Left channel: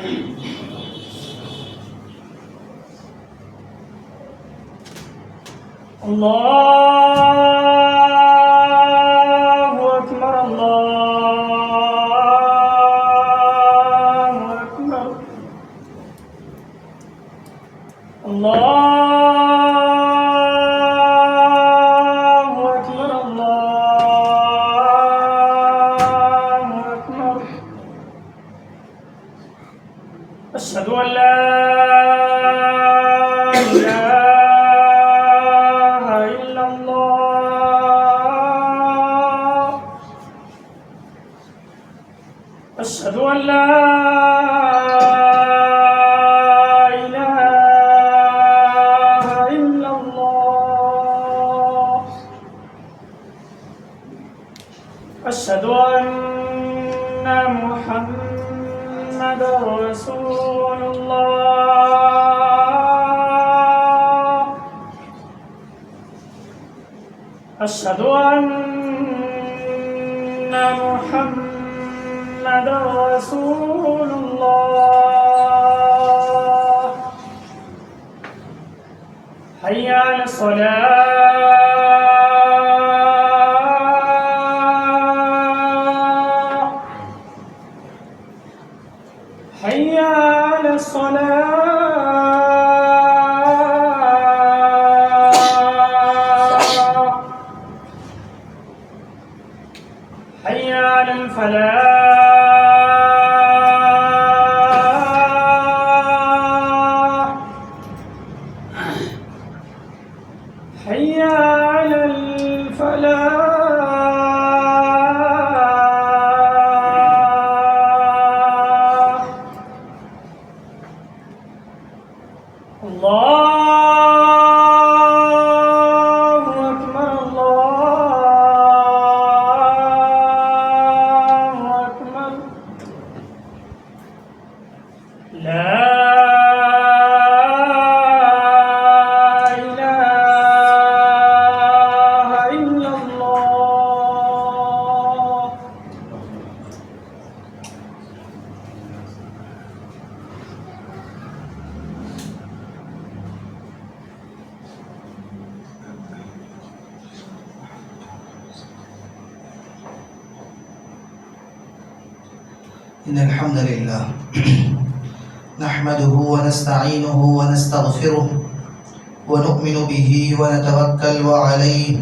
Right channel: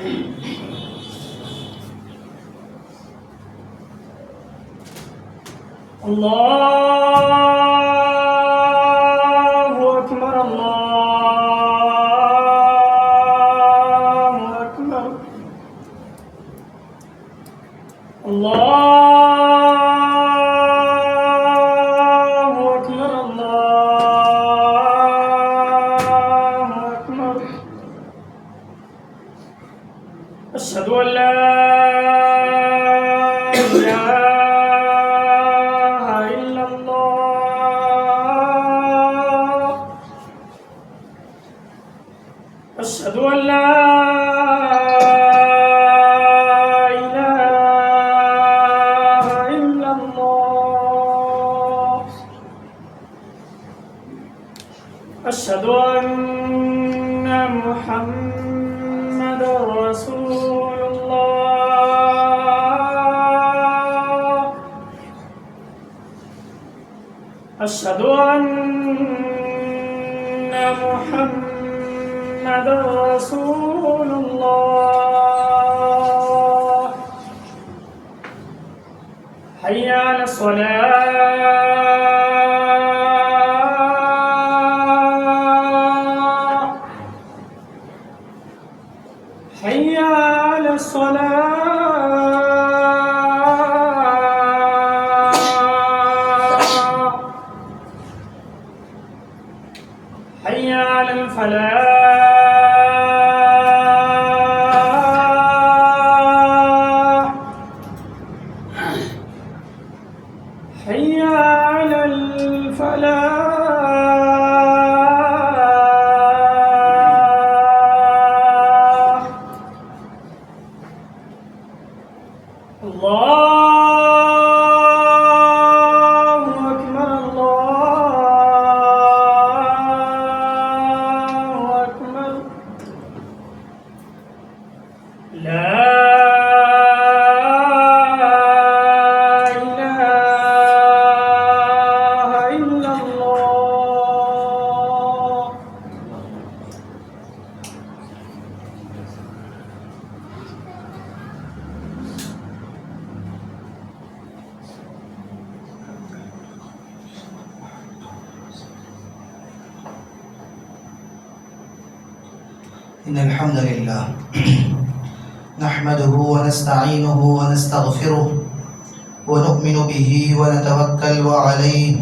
الله أكبر الله أكبر الله أكبر الله أكبر أشهد أن لا إله إلا الله أشهد أن لا إله إلا الله أشهد أن محمدا رسول الله أشهد أن محمدا رسول الله حي على الصلاة حي على الصلاة حي على الفلاح حي على الفلاح الله أكبر الله أكبر لا إله إلا الله إن الحمد لله نحمده ونستعينه ونستغفره ونؤمن به ونتوكل عليه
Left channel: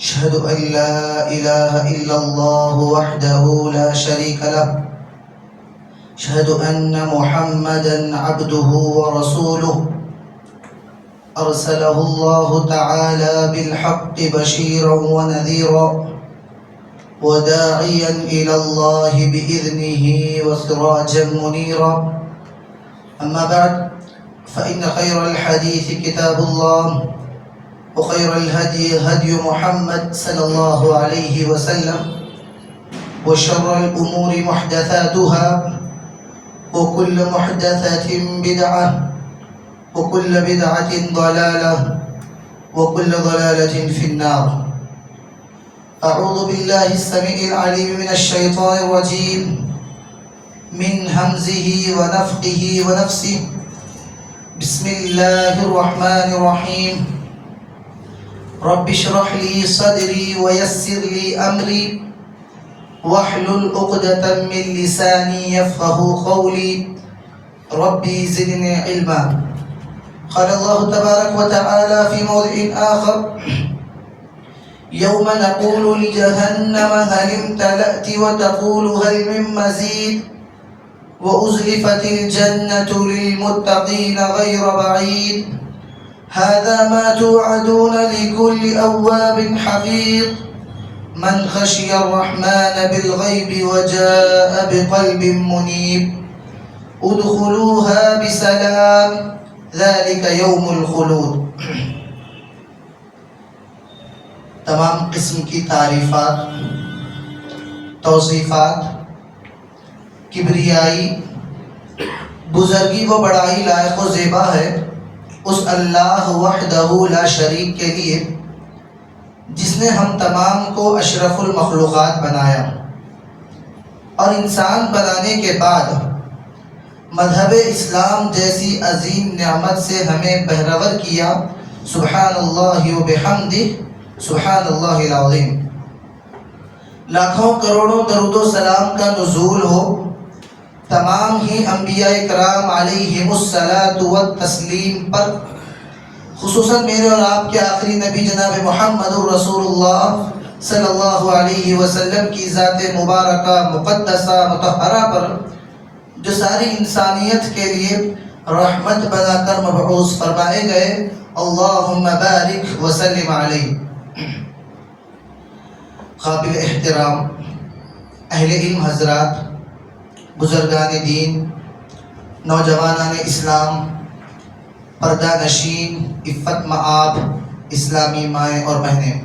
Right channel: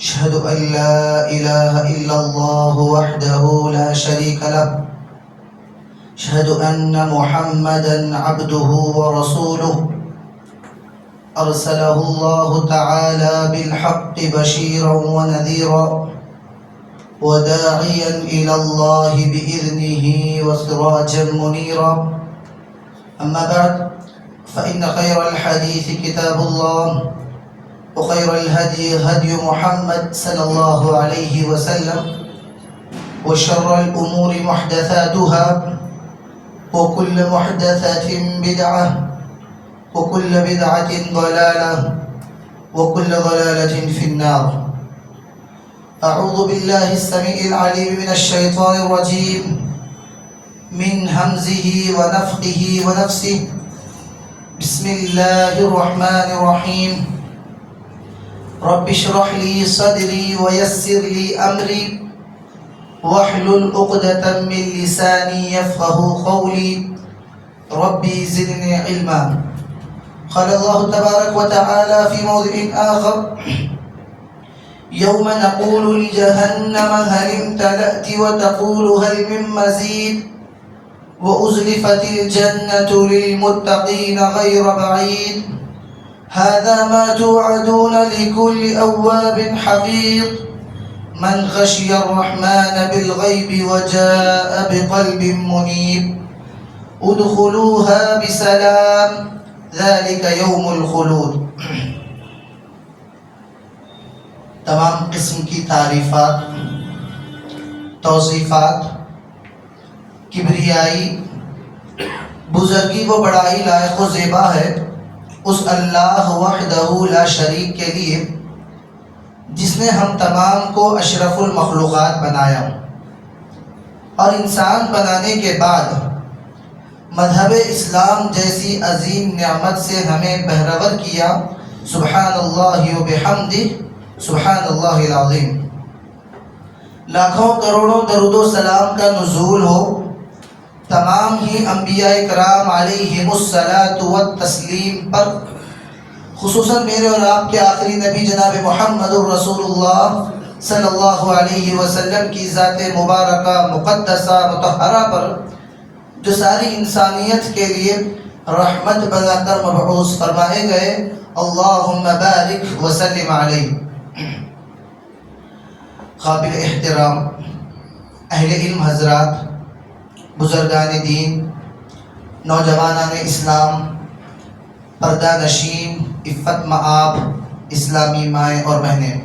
أشهد أن لا إله إلا الله وحده لا شريك له أشهد أن محمدا عبده ورسوله أرسله الله تعالى بالحق بشيرا ونذيرا وداعيا إلى الله بإذنه وسراجا منيرا أما بعد فإن خير الحديث كتاب الله وخير الهدي هدي محمد صلى الله عليه وسلم وشر الأمور محدثاتها وكل محدثة بدعة وكل بدعة ضلالة وكل ضلالة في النار. أعوذ بالله السميع العليم من الشيطان الرجيم من همزه ونفخه ونفسه. بسم الله الرحمن الرحيم. رب اشرح لي صدري ويسر لي أمري واحلل عقدة من لساني يفقه قولي ربي زدني علما. قال الله تبارك وتعالى في موضع آخر يوم نقول لجهنم هل امتلأت وتقول هل من مزيد وأزلفت الجنة للمتقين غير بعيد هذا ما توعدون لكل أواب حفيظ من خشي الرحمن بالغيب وجاء بقلب منيب ادخلوها بسلام ذلك يوم الخلود. تمام قسم کی تعریفات، توصیفات، کبریائی، بزرگی و بڑائی لائق و زیبا ہے اس اللہ وحدہ لا شریک کے لیے جس نے ہم تمام کو اشرف المخلوقات بنایا اور انسان بنانے کے بعد مذہب اسلام جیسی عظیم نعمت سے ہمیں بہرور کیا۔ سبحان اللہ و بحمدہ، سبحان اللہ العظیم۔ لاکھوں کروڑوں درود و سلام کا نزول ہو تمام ہی انبیاء کرام علیہم الصلاۃ والتسلیم پر، خصوصاً میرے اور آپ کے آخری نبی جناب محمد الرسول اللہ صلی اللہ علیہ وسلم کی ذات مبارکہ مقدسہ مطہرہ پر، جو ساری انسانیت کے لیے رحمت بنا کر مبعوث فرمائے گئے۔ اللہم بارک وسلم علیہ۔ قابل احترام اہل علم حضرات، بزرگان دین، نوجوانان اسلام، پردہ نشین، عفت مآب اسلامی مائیں اور بہنیں،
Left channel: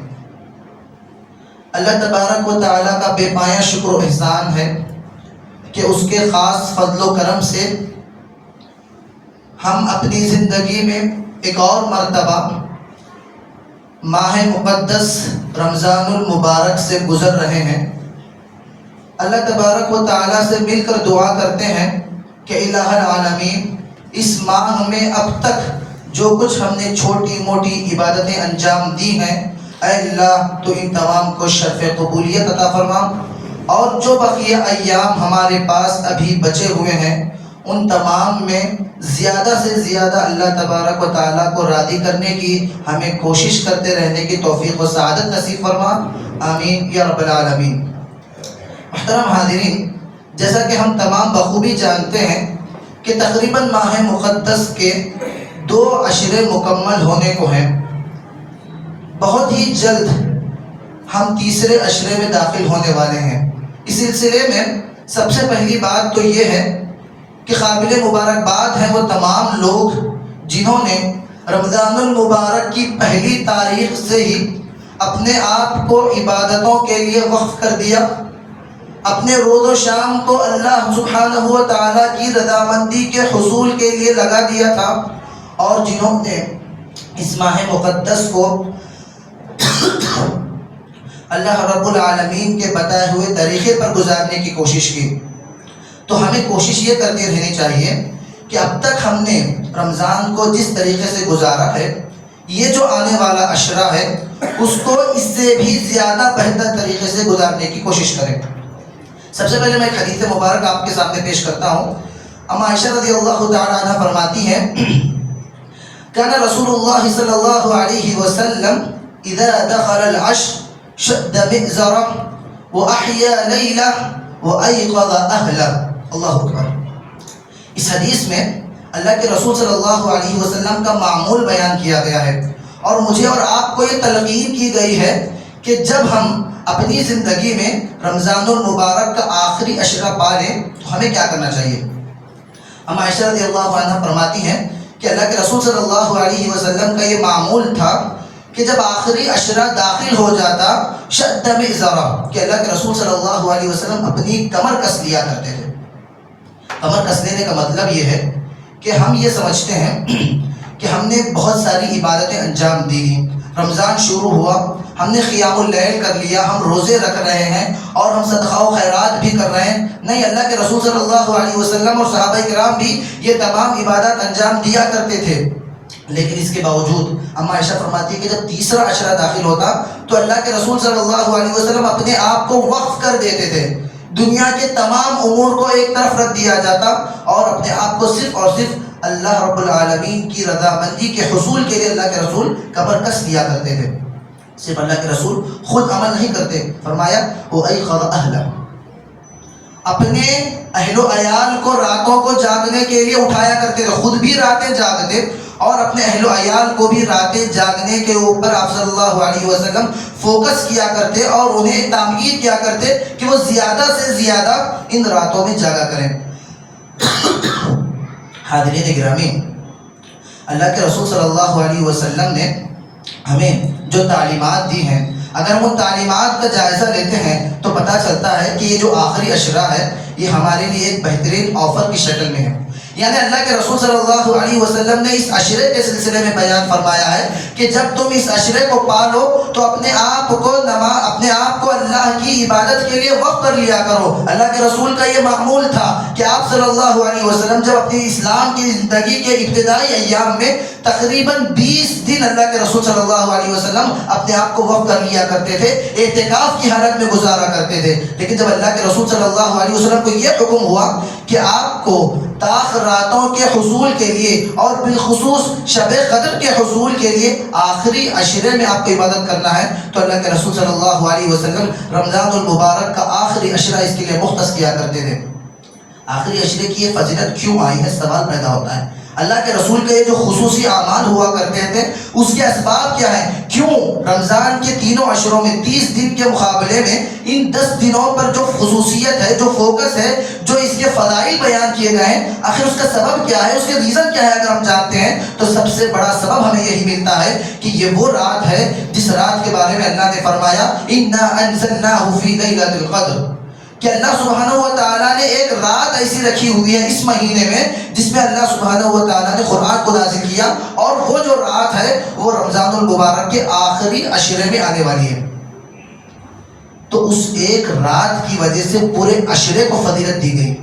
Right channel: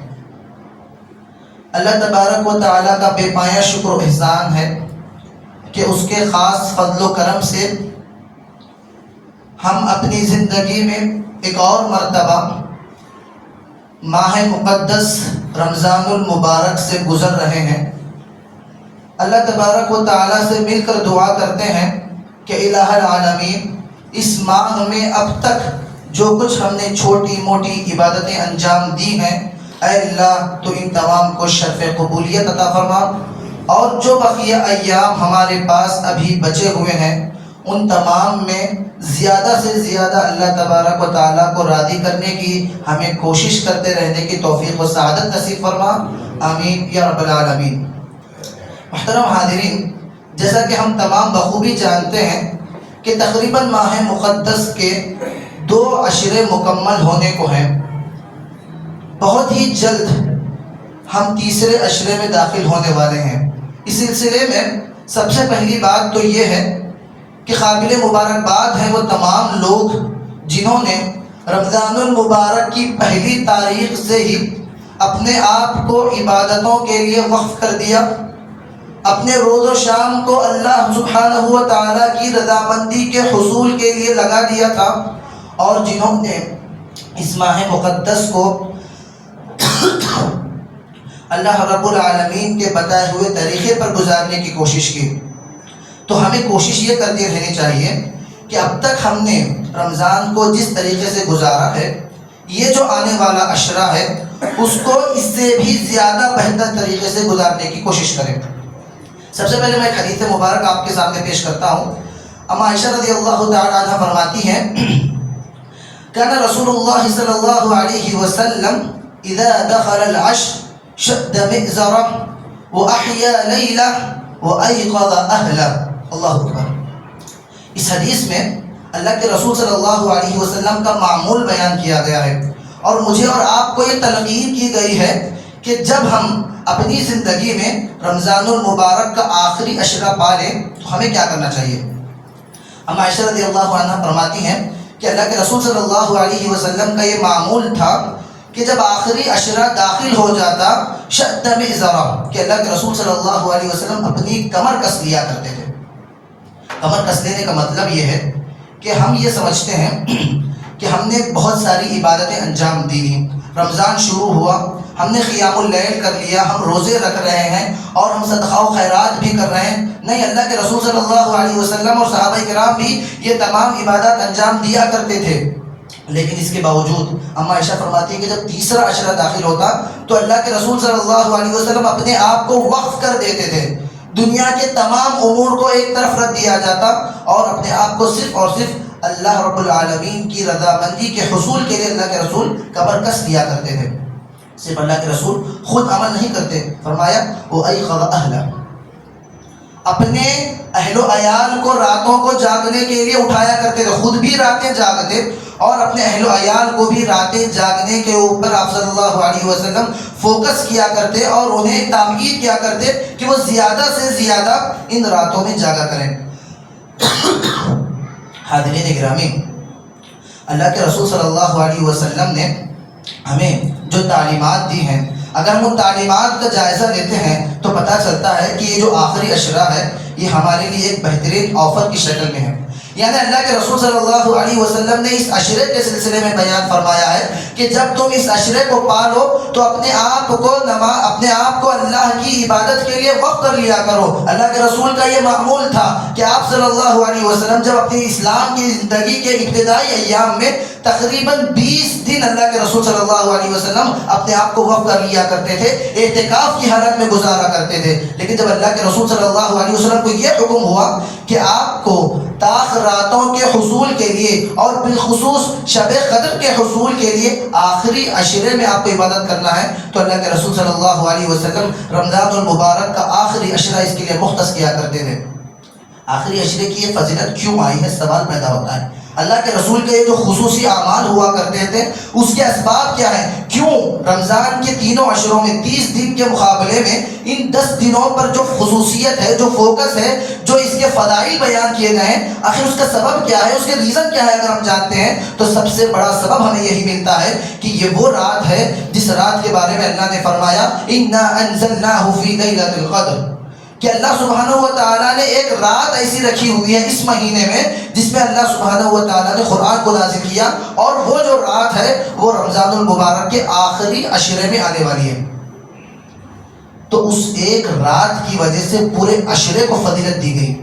اللہ تبارک و تعالیٰ کا بے پایہ شکر و احسان ہے کہ اس کے خاص فضل و کرم سے ہم اپنی زندگی میں ایک اور مرتبہ ماہ مقدس رمضان المبارک سے گزر رہے ہیں۔ اللہ تبارک و تعالیٰ سے مل کر دعا کرتے ہیں کہ الہ العالمین، اس ماہ میں اب تک جو کچھ ہم نے چھوٹی موٹی عبادتیں انجام دی ہیں، اے اللہ تو ان تمام کو شرف قبولیت عطا فرما، اور جو بقیہ ایام ہمارے پاس ابھی بچے ہوئے ہیں ان تمام میں زیادہ سے زیادہ اللہ تبارک و تعالیٰ کو راضی کرنے کی ہمیں کوشش کرتے رہنے کی توفیق و سعادت نصیب فرما، آمین یا رب العالمین۔ محترم حاضرین، جیسا کہ ہم تمام بخوبی جانتے ہیں کہ تقریباً ماہ مقدس کے 2 عشرے مکمل ہونے کو ہیں۔ بہت ہی جلد ہم تیسرے عشرے میں داخل ہونے والے ہیں۔ اس سلسلے میں سب سے پہلی بات تو یہ ہے کہ قابل مبارکباد ہیں وہ تمام لوگ جنہوں نے رمضان المبارک کی پہلی تاریخ سے ہی اپنے آپ کو عبادتوں کے لیے وقف کر دیا، اپنے روز و شام کو اللہ سبحانہ و تعالیٰ کی رضامندی کے حصول کے لیے لگا دیا تھا، اور جنہوں نے اس ماہ مقدس کو اللہ رب العالمین کے بتائے ہوئے طریقے پر گزارنے کی کوشش کی۔ تو ہمیں کوشش یہ کرتی رہنی چاہیے کہ اب تک ہم نے رمضان کو جس طریقے سے گزارا ہے، یہ جو آنے والا عشرہ ہے اس کو اس سے بھی زیادہ بہتر طریقے سے گزارنے کی کوشش کریں۔ سب سے پہلے میں ایک حدیث مبارک آپ کے سامنے پیش کرتا ہوں۔ اما عائشہ رضی اللہ تعالی عنہ فرماتی ہیں، کان رسول اللہ صلی اللہ علیہ وسلم اذا دخل العشر شد مئزرہ واحیا لیلہ وایقظ اہلہ۔ اللہ اکبر۔ اس حدیث میں اللہ کے رسول صلی اللہ علیہ وسلم کا معمول بیان کیا گیا ہے، اور مجھے اور آپ کو یہ تلقین کی گئی ہے کہ جب ہم اپنی زندگی میں رمضان المبارک کا آخری عشرہ پا لیں تو ہمیں کیا کرنا چاہیے۔ ہم عائشہ رضی اللہ عنہ فرماتی ہیں کہ اللہ کے رسول صلی اللہ علیہ وسلم کا یہ معمول تھا کہ جب آخری عشرہ داخل ہو جاتا شد مئزرہ، کہ اللہ کے رسول صلی اللہ علیہ وسلم اپنی کمر کس لیا کرتے تھے۔ کمر کس لینے کا مطلب یہ ہے کہ ہم یہ سمجھتے ہیں کہ ہم نے بہت ساری عبادتیں انجام دی، رمضان شروع ہوا، ہم نے قیام اللیل کر لیا، ہم روزے رکھ رہے ہیں اور ہم صدقہ و خیرات بھی کر رہے ہیں۔ نہیں، اللہ کے رسول صلی اللہ علیہ وسلم اور صحابہ کرام بھی یہ تمام عبادات انجام دیا کرتے تھے، لیکن اس کے باوجود اما عائشہ فرماتی ہے کہ جب تیسرا عشرہ داخل ہوتا تو اللہ کے رسول صلی اللہ علیہ وسلم اپنے آپ کو وقف کر دیتے تھے، دنیا کے تمام امور کو ایک طرف رکھ دیا جاتا اور اپنے آپ کو صرف اور صرف اللہ رب العالمین کی رضامندی کے حصول کے لیے اللہ کے رسول کمر کس لیا کرتے تھے۔ صرف اللہ کے رسول خود عمل نہیں کرتے، فرمایا وَأَيْقَظَ أَهْلَهُ، اپنے اہل و عیال کو راتوں کو جاگنے کے لیے اٹھایا کرتے تھے، خود بھی راتیں جاگتے اور اپنے اہل و عیال کو بھی راتیں جاگنے کے اوپر آپ صلی اللہ علیہ وسلم فوکس کیا کرتے اور انہیں تاکید کیا کرتے کہ وہ زیادہ سے زیادہ ان راتوں میں جاگا کریں۔ حاضرین گرامی، اللہ کے رسول صلی اللہ علیہ وسلم نے ہمیں جو تعلیمات دی ہیں، اگر ہم ان تعلیمات کا جائزہ لیتے ہیں تو پتہ چلتا ہے کہ یہ جو آخری عشرہ ہے یہ ہمارے لیے ایک بہترین آفر کی شکل میں ہے۔ یعنی اللہ کے رسول صلی اللہ علیہ وسلم نے اس عشرے کے سلسلے میں بیان فرمایا ہے کہ جب تم اس عشرے کو پالو تو اپنے آپ کو اللہ کی عبادت کے لیے وقف کر لیا کرو۔ اللہ کے رسول کا یہ معمول تھا کہ آپ صلی اللہ علیہ وسلم جب اپنی اسلام کی زندگی کے ابتدائی ایام میں تقریباً 20 دن اللہ کے رسول صلی اللہ علیہ وسلم اپنے آپ کو وقف کر لیا کرتے تھے، اعتکاف کی حالت میں گزارا کرتے تھے۔ لیکن جب اللہ کے رسول صلی اللہ علیہ وسلم کو یہ حکم ہوا کہ آپ کو تاخراتوں کے حصول کے لیے اور بالخصوص شب قدر کے حصول کے لیے آخری عشرے میں آپ کو عبادت کرنا ہے، تو اللہ کے رسول صلی اللہ علیہ وسلم رمضان المبارک کا آخری عشرہ اس کے لیے مختص کیا کرتے تھے۔ آخری عشرے کی یہ فضیلت کیوں آئی ہے، سوال پیدا ہوتا ہے۔ اللہ کے رسول کے جو خصوصی اعمال ہوا کرتے تھے اس کے اسباب کیا ہیں؟ کیوں رمضان کے تینوں عشروں میں 30 دن کے مقابلے میں ان 10 دنوں پر جو خصوصیت ہے، جو فوکس ہے، جو اس کے فضائل بیان کیے گئے ہیں، آخر اس کا سبب کیا ہے، اس کے ریزن کیا ہے؟ اگر ہم جانتے ہیں تو سب سے بڑا سبب ہمیں یہی ملتا ہے کہ یہ وہ رات ہے جس رات کے بارے میں اللہ نے فرمایا اِنَّا أَنزَلْنَاهُ فِي لَيْلَةِ الْقَدْرِ، کہ اللہ سبحانہ و تعالیٰ نے ایک رات ایسی رکھی ہوئی ہے اس مہینے میں جس میں اللہ سبحانہ و تعالیٰ نے قرآن کو نازل کیا، اور وہ جو رات ہے وہ رمضان المبارک کے آخری عشرے میں آنے والی ہے۔ تو اس ایک رات کی وجہ سے پورے عشرے کو فضیلت دی گئی،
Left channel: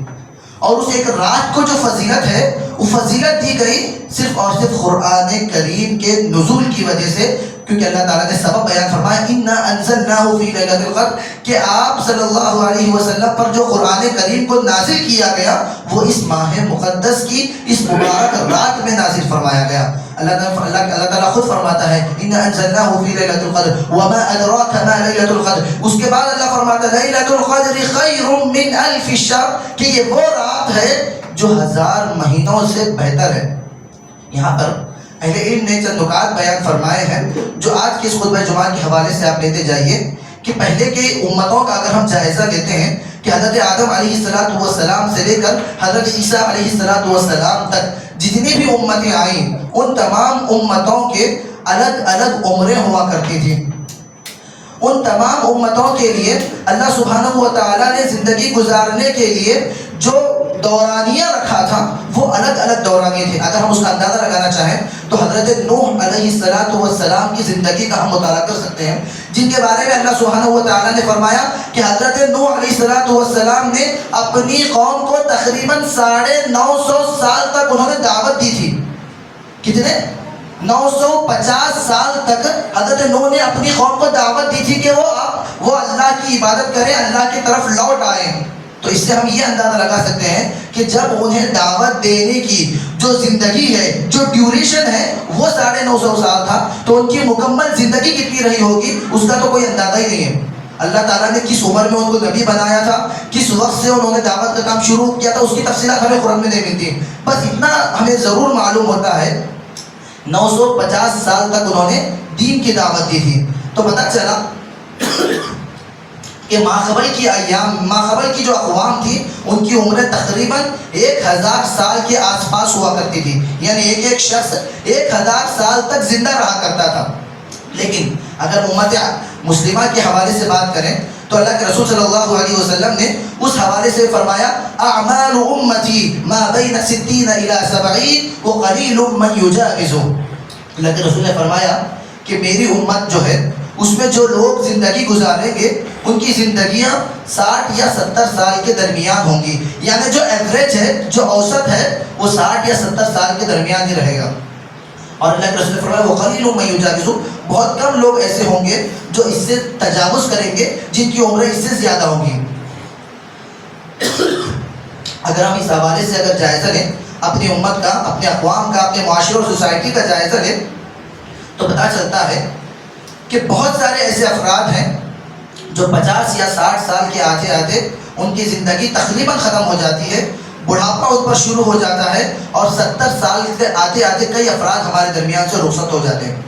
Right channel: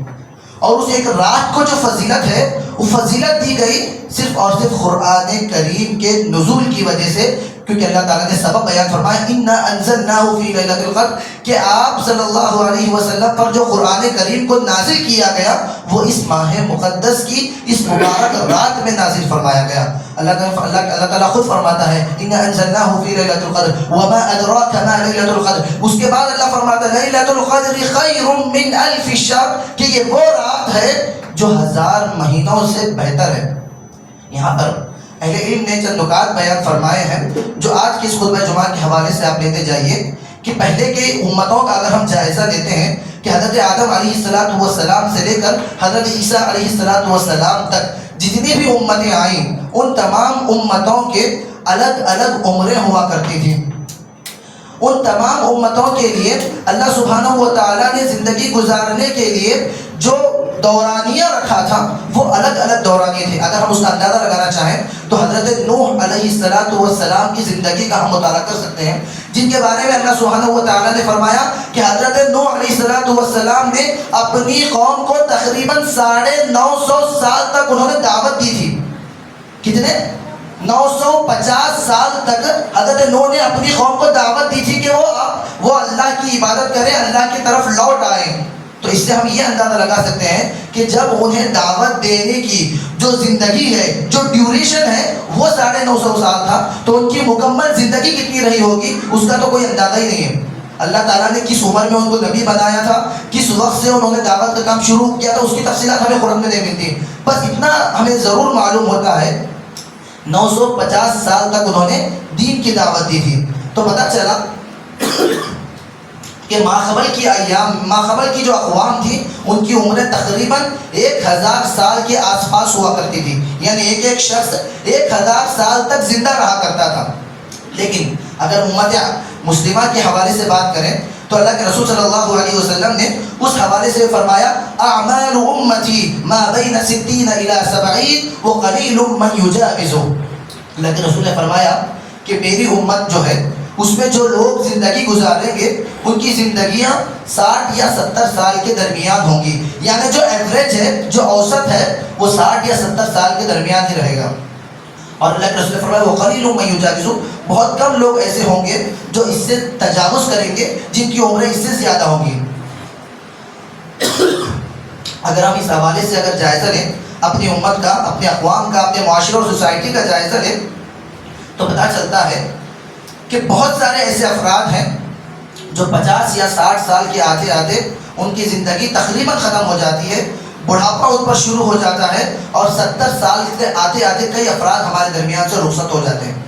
اور اس ایک رات کو جو فضیلت ہے وہ فضیلت دی گئی صرف اور صرف قرآن کریم کے نزول کی وجہ سے، کیونکہ اللہ تعالیٰ نے سبب بیان فرمایا اِنَّا أَنزَلْنَاهُ فِي لَيْلَةِ الْقَدْرِ، کہ آپ صلی اللہ علیہ وسلم پر جو قرآن کریم کو نازل کیا گیا وہ اس ماہ مقدس کی اس مبارک رات میں نازل فرمایا گیا۔ اللہ تعالیٰ خود فرماتا ہے اِنَّا أَنزَلْنَاهُ فِي لَيْلَةِ الْقَدْرِ وَمَا أَدْرَاكَ مَا لَيْلَةُ الْقَدْرِ، اس کے بعد اللہ فرماتا ہے لَيْلَةُ الْقَدْرِ خَيْرٌ مِّنْ أَلْفِ الشَّهْرِ، کہ یہ وہ رات ہے جو 1000 مہینوں سے بہتر ہے۔ یہاں پر اہل علم نے چند نکات بیان فرمائے ہیں جو آج کی اس خطبہ جمعہ کے حوالے سے آپ لیتے جائیے کہ پہلے کے امتوں کا اگر ہم جائزہ لیتے ہیں کہ حضرت آدم علیہ السلام سے لے کر حضرت عیسیٰ علیہ السلام تک جتنی بھی امتیں آئیں ان تمام امتوں کے الگ الگ عمریں ہوا کرتی تھیں۔ ان تمام امتوں کے لیے اللہ سبحانہ و تعالیٰ نے زندگی گزارنے کے لیے جو دورانیہ رکھا تھا وہ الگ الگ دورانیے تھے۔ اگر ہم اس کا اندازہ لگانا چاہیں تو حضرت نوح علیہ السلام کی زندگی کا ہم مطالعہ کر سکتے ہیں، جن کے بارے میں اللہ سبحانہ و تعالیٰ نے فرمایا کہ حضرت نوح علیہ السلام نے اپنی قوم کو تقریباً 950 سال تک انہوں نے دعوت دی تھی۔ کتنے؟ 950 سال تک حضرت نوح نے اپنی قوم کو دعوت دی تھی کہ وہ اللہ کی عبادت کریں، اللہ کی طرف لوٹ آئیں۔ تو اس سے ہم یہ اندازہ لگا سکتے ہیں کہ جب انہیں دعوت دینے کی جو زندگی ہے، جو ڈیوریشن ہے وہ 950 سال تھا، تو ان کی مکمل زندگی کتنی رہی ہوگی اس کا تو کوئی اندازہ ہی نہیں ہے۔ اللہ تعالیٰ نے کس عمر میں ان کو نبی بنایا تھا، کس وقت سے انہوں نے دعوت کا کام شروع کیا تھا، اس کی تفصیلات ہمیں قرآن میں نہیں ملتی، بس اتنا ہمیں ضرور معلوم ہوتا ہے 950 سال تک انہوں نے دین کی دعوت دی تھی۔ تو پتہ چلا کہ ماقبل کی جو اقوام تھی ان کی عمریں تقریباً 1000 سال کے آس پاس ہوا کرتی تھی، یعنی ایک شخص 1000 سال تک زندہ رہا کرتا تھا۔ لیکن اگر امت مسلمہ کے حوالے سے بات کریں تو اللہ کے رسول صلی اللہ علیہ وسلم نے اس حوالے سے فرمایا اعمال امتی ما بین 60 الى 70 وقلیل من یجاوزہ۔ اللہ کے رسول نے فرمایا کہ میری امت جو ہے اس میں جو لوگ زندگی گزاریں گے ان کی زندگیاں 60 یا 70 سال کے درمیان ہوں گی، یعنی جو ایوریج ہے، جو اوسط ہے وہ 60 یا 70 سال کے درمیان ہی رہے گا۔ اور اللہ کے رسول نے فرمایا وقلیل من یجاوزہ، بہت کم لوگ ایسے ہوں گے جو اس سے تجاوز کریں گے، جن کی عمریں اس سے زیادہ ہوں گی۔ اگر ہم اس حوالے سے اگر جائزہ لیں اپنی امت کا، اپنے اقوام کا، اپنے معاشرے اور سوسائٹی کا جائزہ لیں تو پتہ چلتا ہے کہ بہت سارے ایسے افراد ہیں جو 50 یا 60 سال کے آتے آتے ان کی زندگی تقریباً ختم ہو جاتی ہے، بڑھاپا ان پر شروع ہو جاتا ہے، اور 70 سال کے آتے آتے کئی افراد ہمارے درمیان سے رخصت ہو جاتے ہیں۔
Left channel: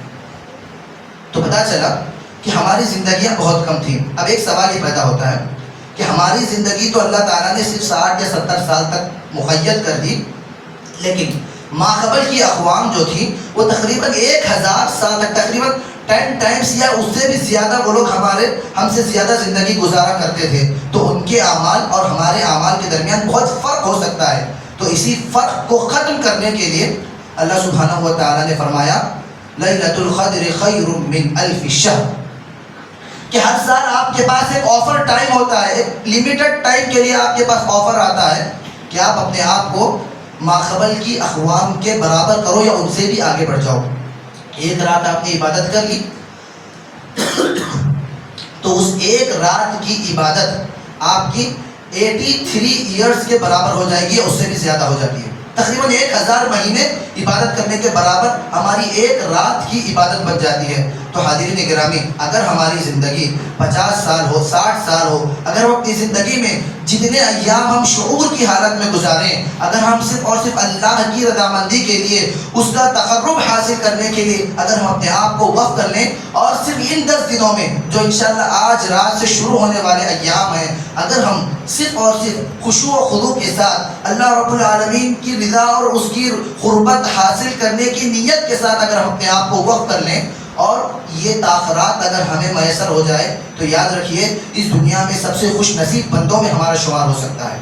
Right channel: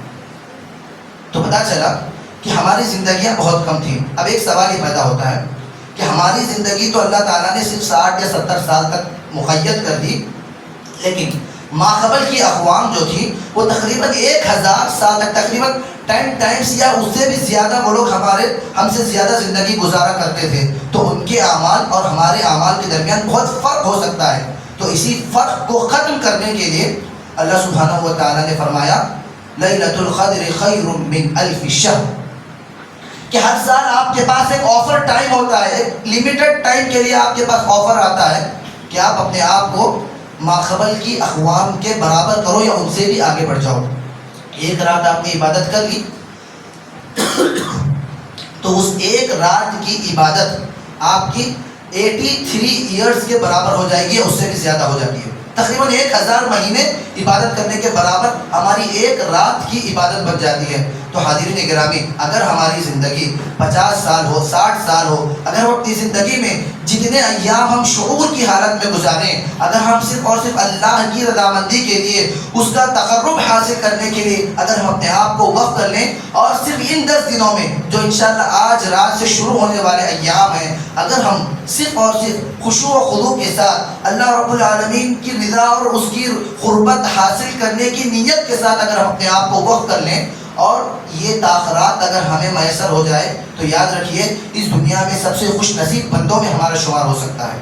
تو پتہ چلا کہ ہماری زندگیاں بہت کم تھیں۔ اب ایک سوال ہی پیدا ہوتا ہے کہ ہماری زندگی تو اللہ تعالیٰ نے صرف 60 یا 70 سال تک مقید کر دی، لیکن ماقبل کی اقوام جو تھی وہ تقریباً 1000 سال تک، تقریباً 10 ٹائمز یا اس سے بھی زیادہ وہ لوگ ہم سے زیادہ زندگی گزارا کرتے تھے۔ تو ان کے اعمال اور ہمارے اعمال کے درمیان بہت فرق ہو سکتا ہے۔ تو اسی فرق کو ختم کرنے کے لیے اللہ سبحانہ و تعالیٰ نے فرمایا لیلۃ القدر خیر من الف شہر، کہ ہر سال آپ کے پاس ایک آفر ٹائم ہوتا ہے، ایک لمیٹڈ ٹائم کے لیے آپ کے پاس آفر آتا ہے کہ آپ اپنے آپ کو ماقبل کی اقوام کے برابر کرو یا ان سے بھی آگے بڑھ جاؤ۔ ایک رات آپ نے عبادت کر لی تو اس ایک رات کی عبادت آپ کی 83 ایئرز کے برابر ہو جائے گی، اس سے بھی زیادہ ہو جاتی ہے۔ تقریباً 1000 مہینے عبادت کرنے کے برابر ہماری ایک رات کی عبادت بن جاتی ہے۔ تو حاضرین گرامی، اگر ہماری زندگی 50 سال ہو، 60 سال ہو، اگر ہم اپنی زندگی میں جتنے ایام ہم شعور کی حالت میں گزاریں، اگر ہم صرف اور صرف اللہ کی رضامندی کے لیے، اس کا تقرب حاصل کرنے کے لیے اگر ہم اپنے آپ کو وقف کر لیں، اور صرف ان 10 دنوں میں جو انشاءاللہ آج رات سے شروع ہونے والے ایام ہیں، اگر ہم صرف اور صرف خشوع و خضوع کے ساتھ اللہ رب العالمین کی رضا اور اس کی قربت حاصل کرنے کی نیت کے ساتھ اگر ہم اپنے آپ کو وقف کر لیں، اور یہ تاخرات اگر ہمیں میسر ہو جائے، تو یاد رکھیے اس دنیا میں سب سے خوش نصیب بندوں میں ہمارا شمار ہو سکتا ہے۔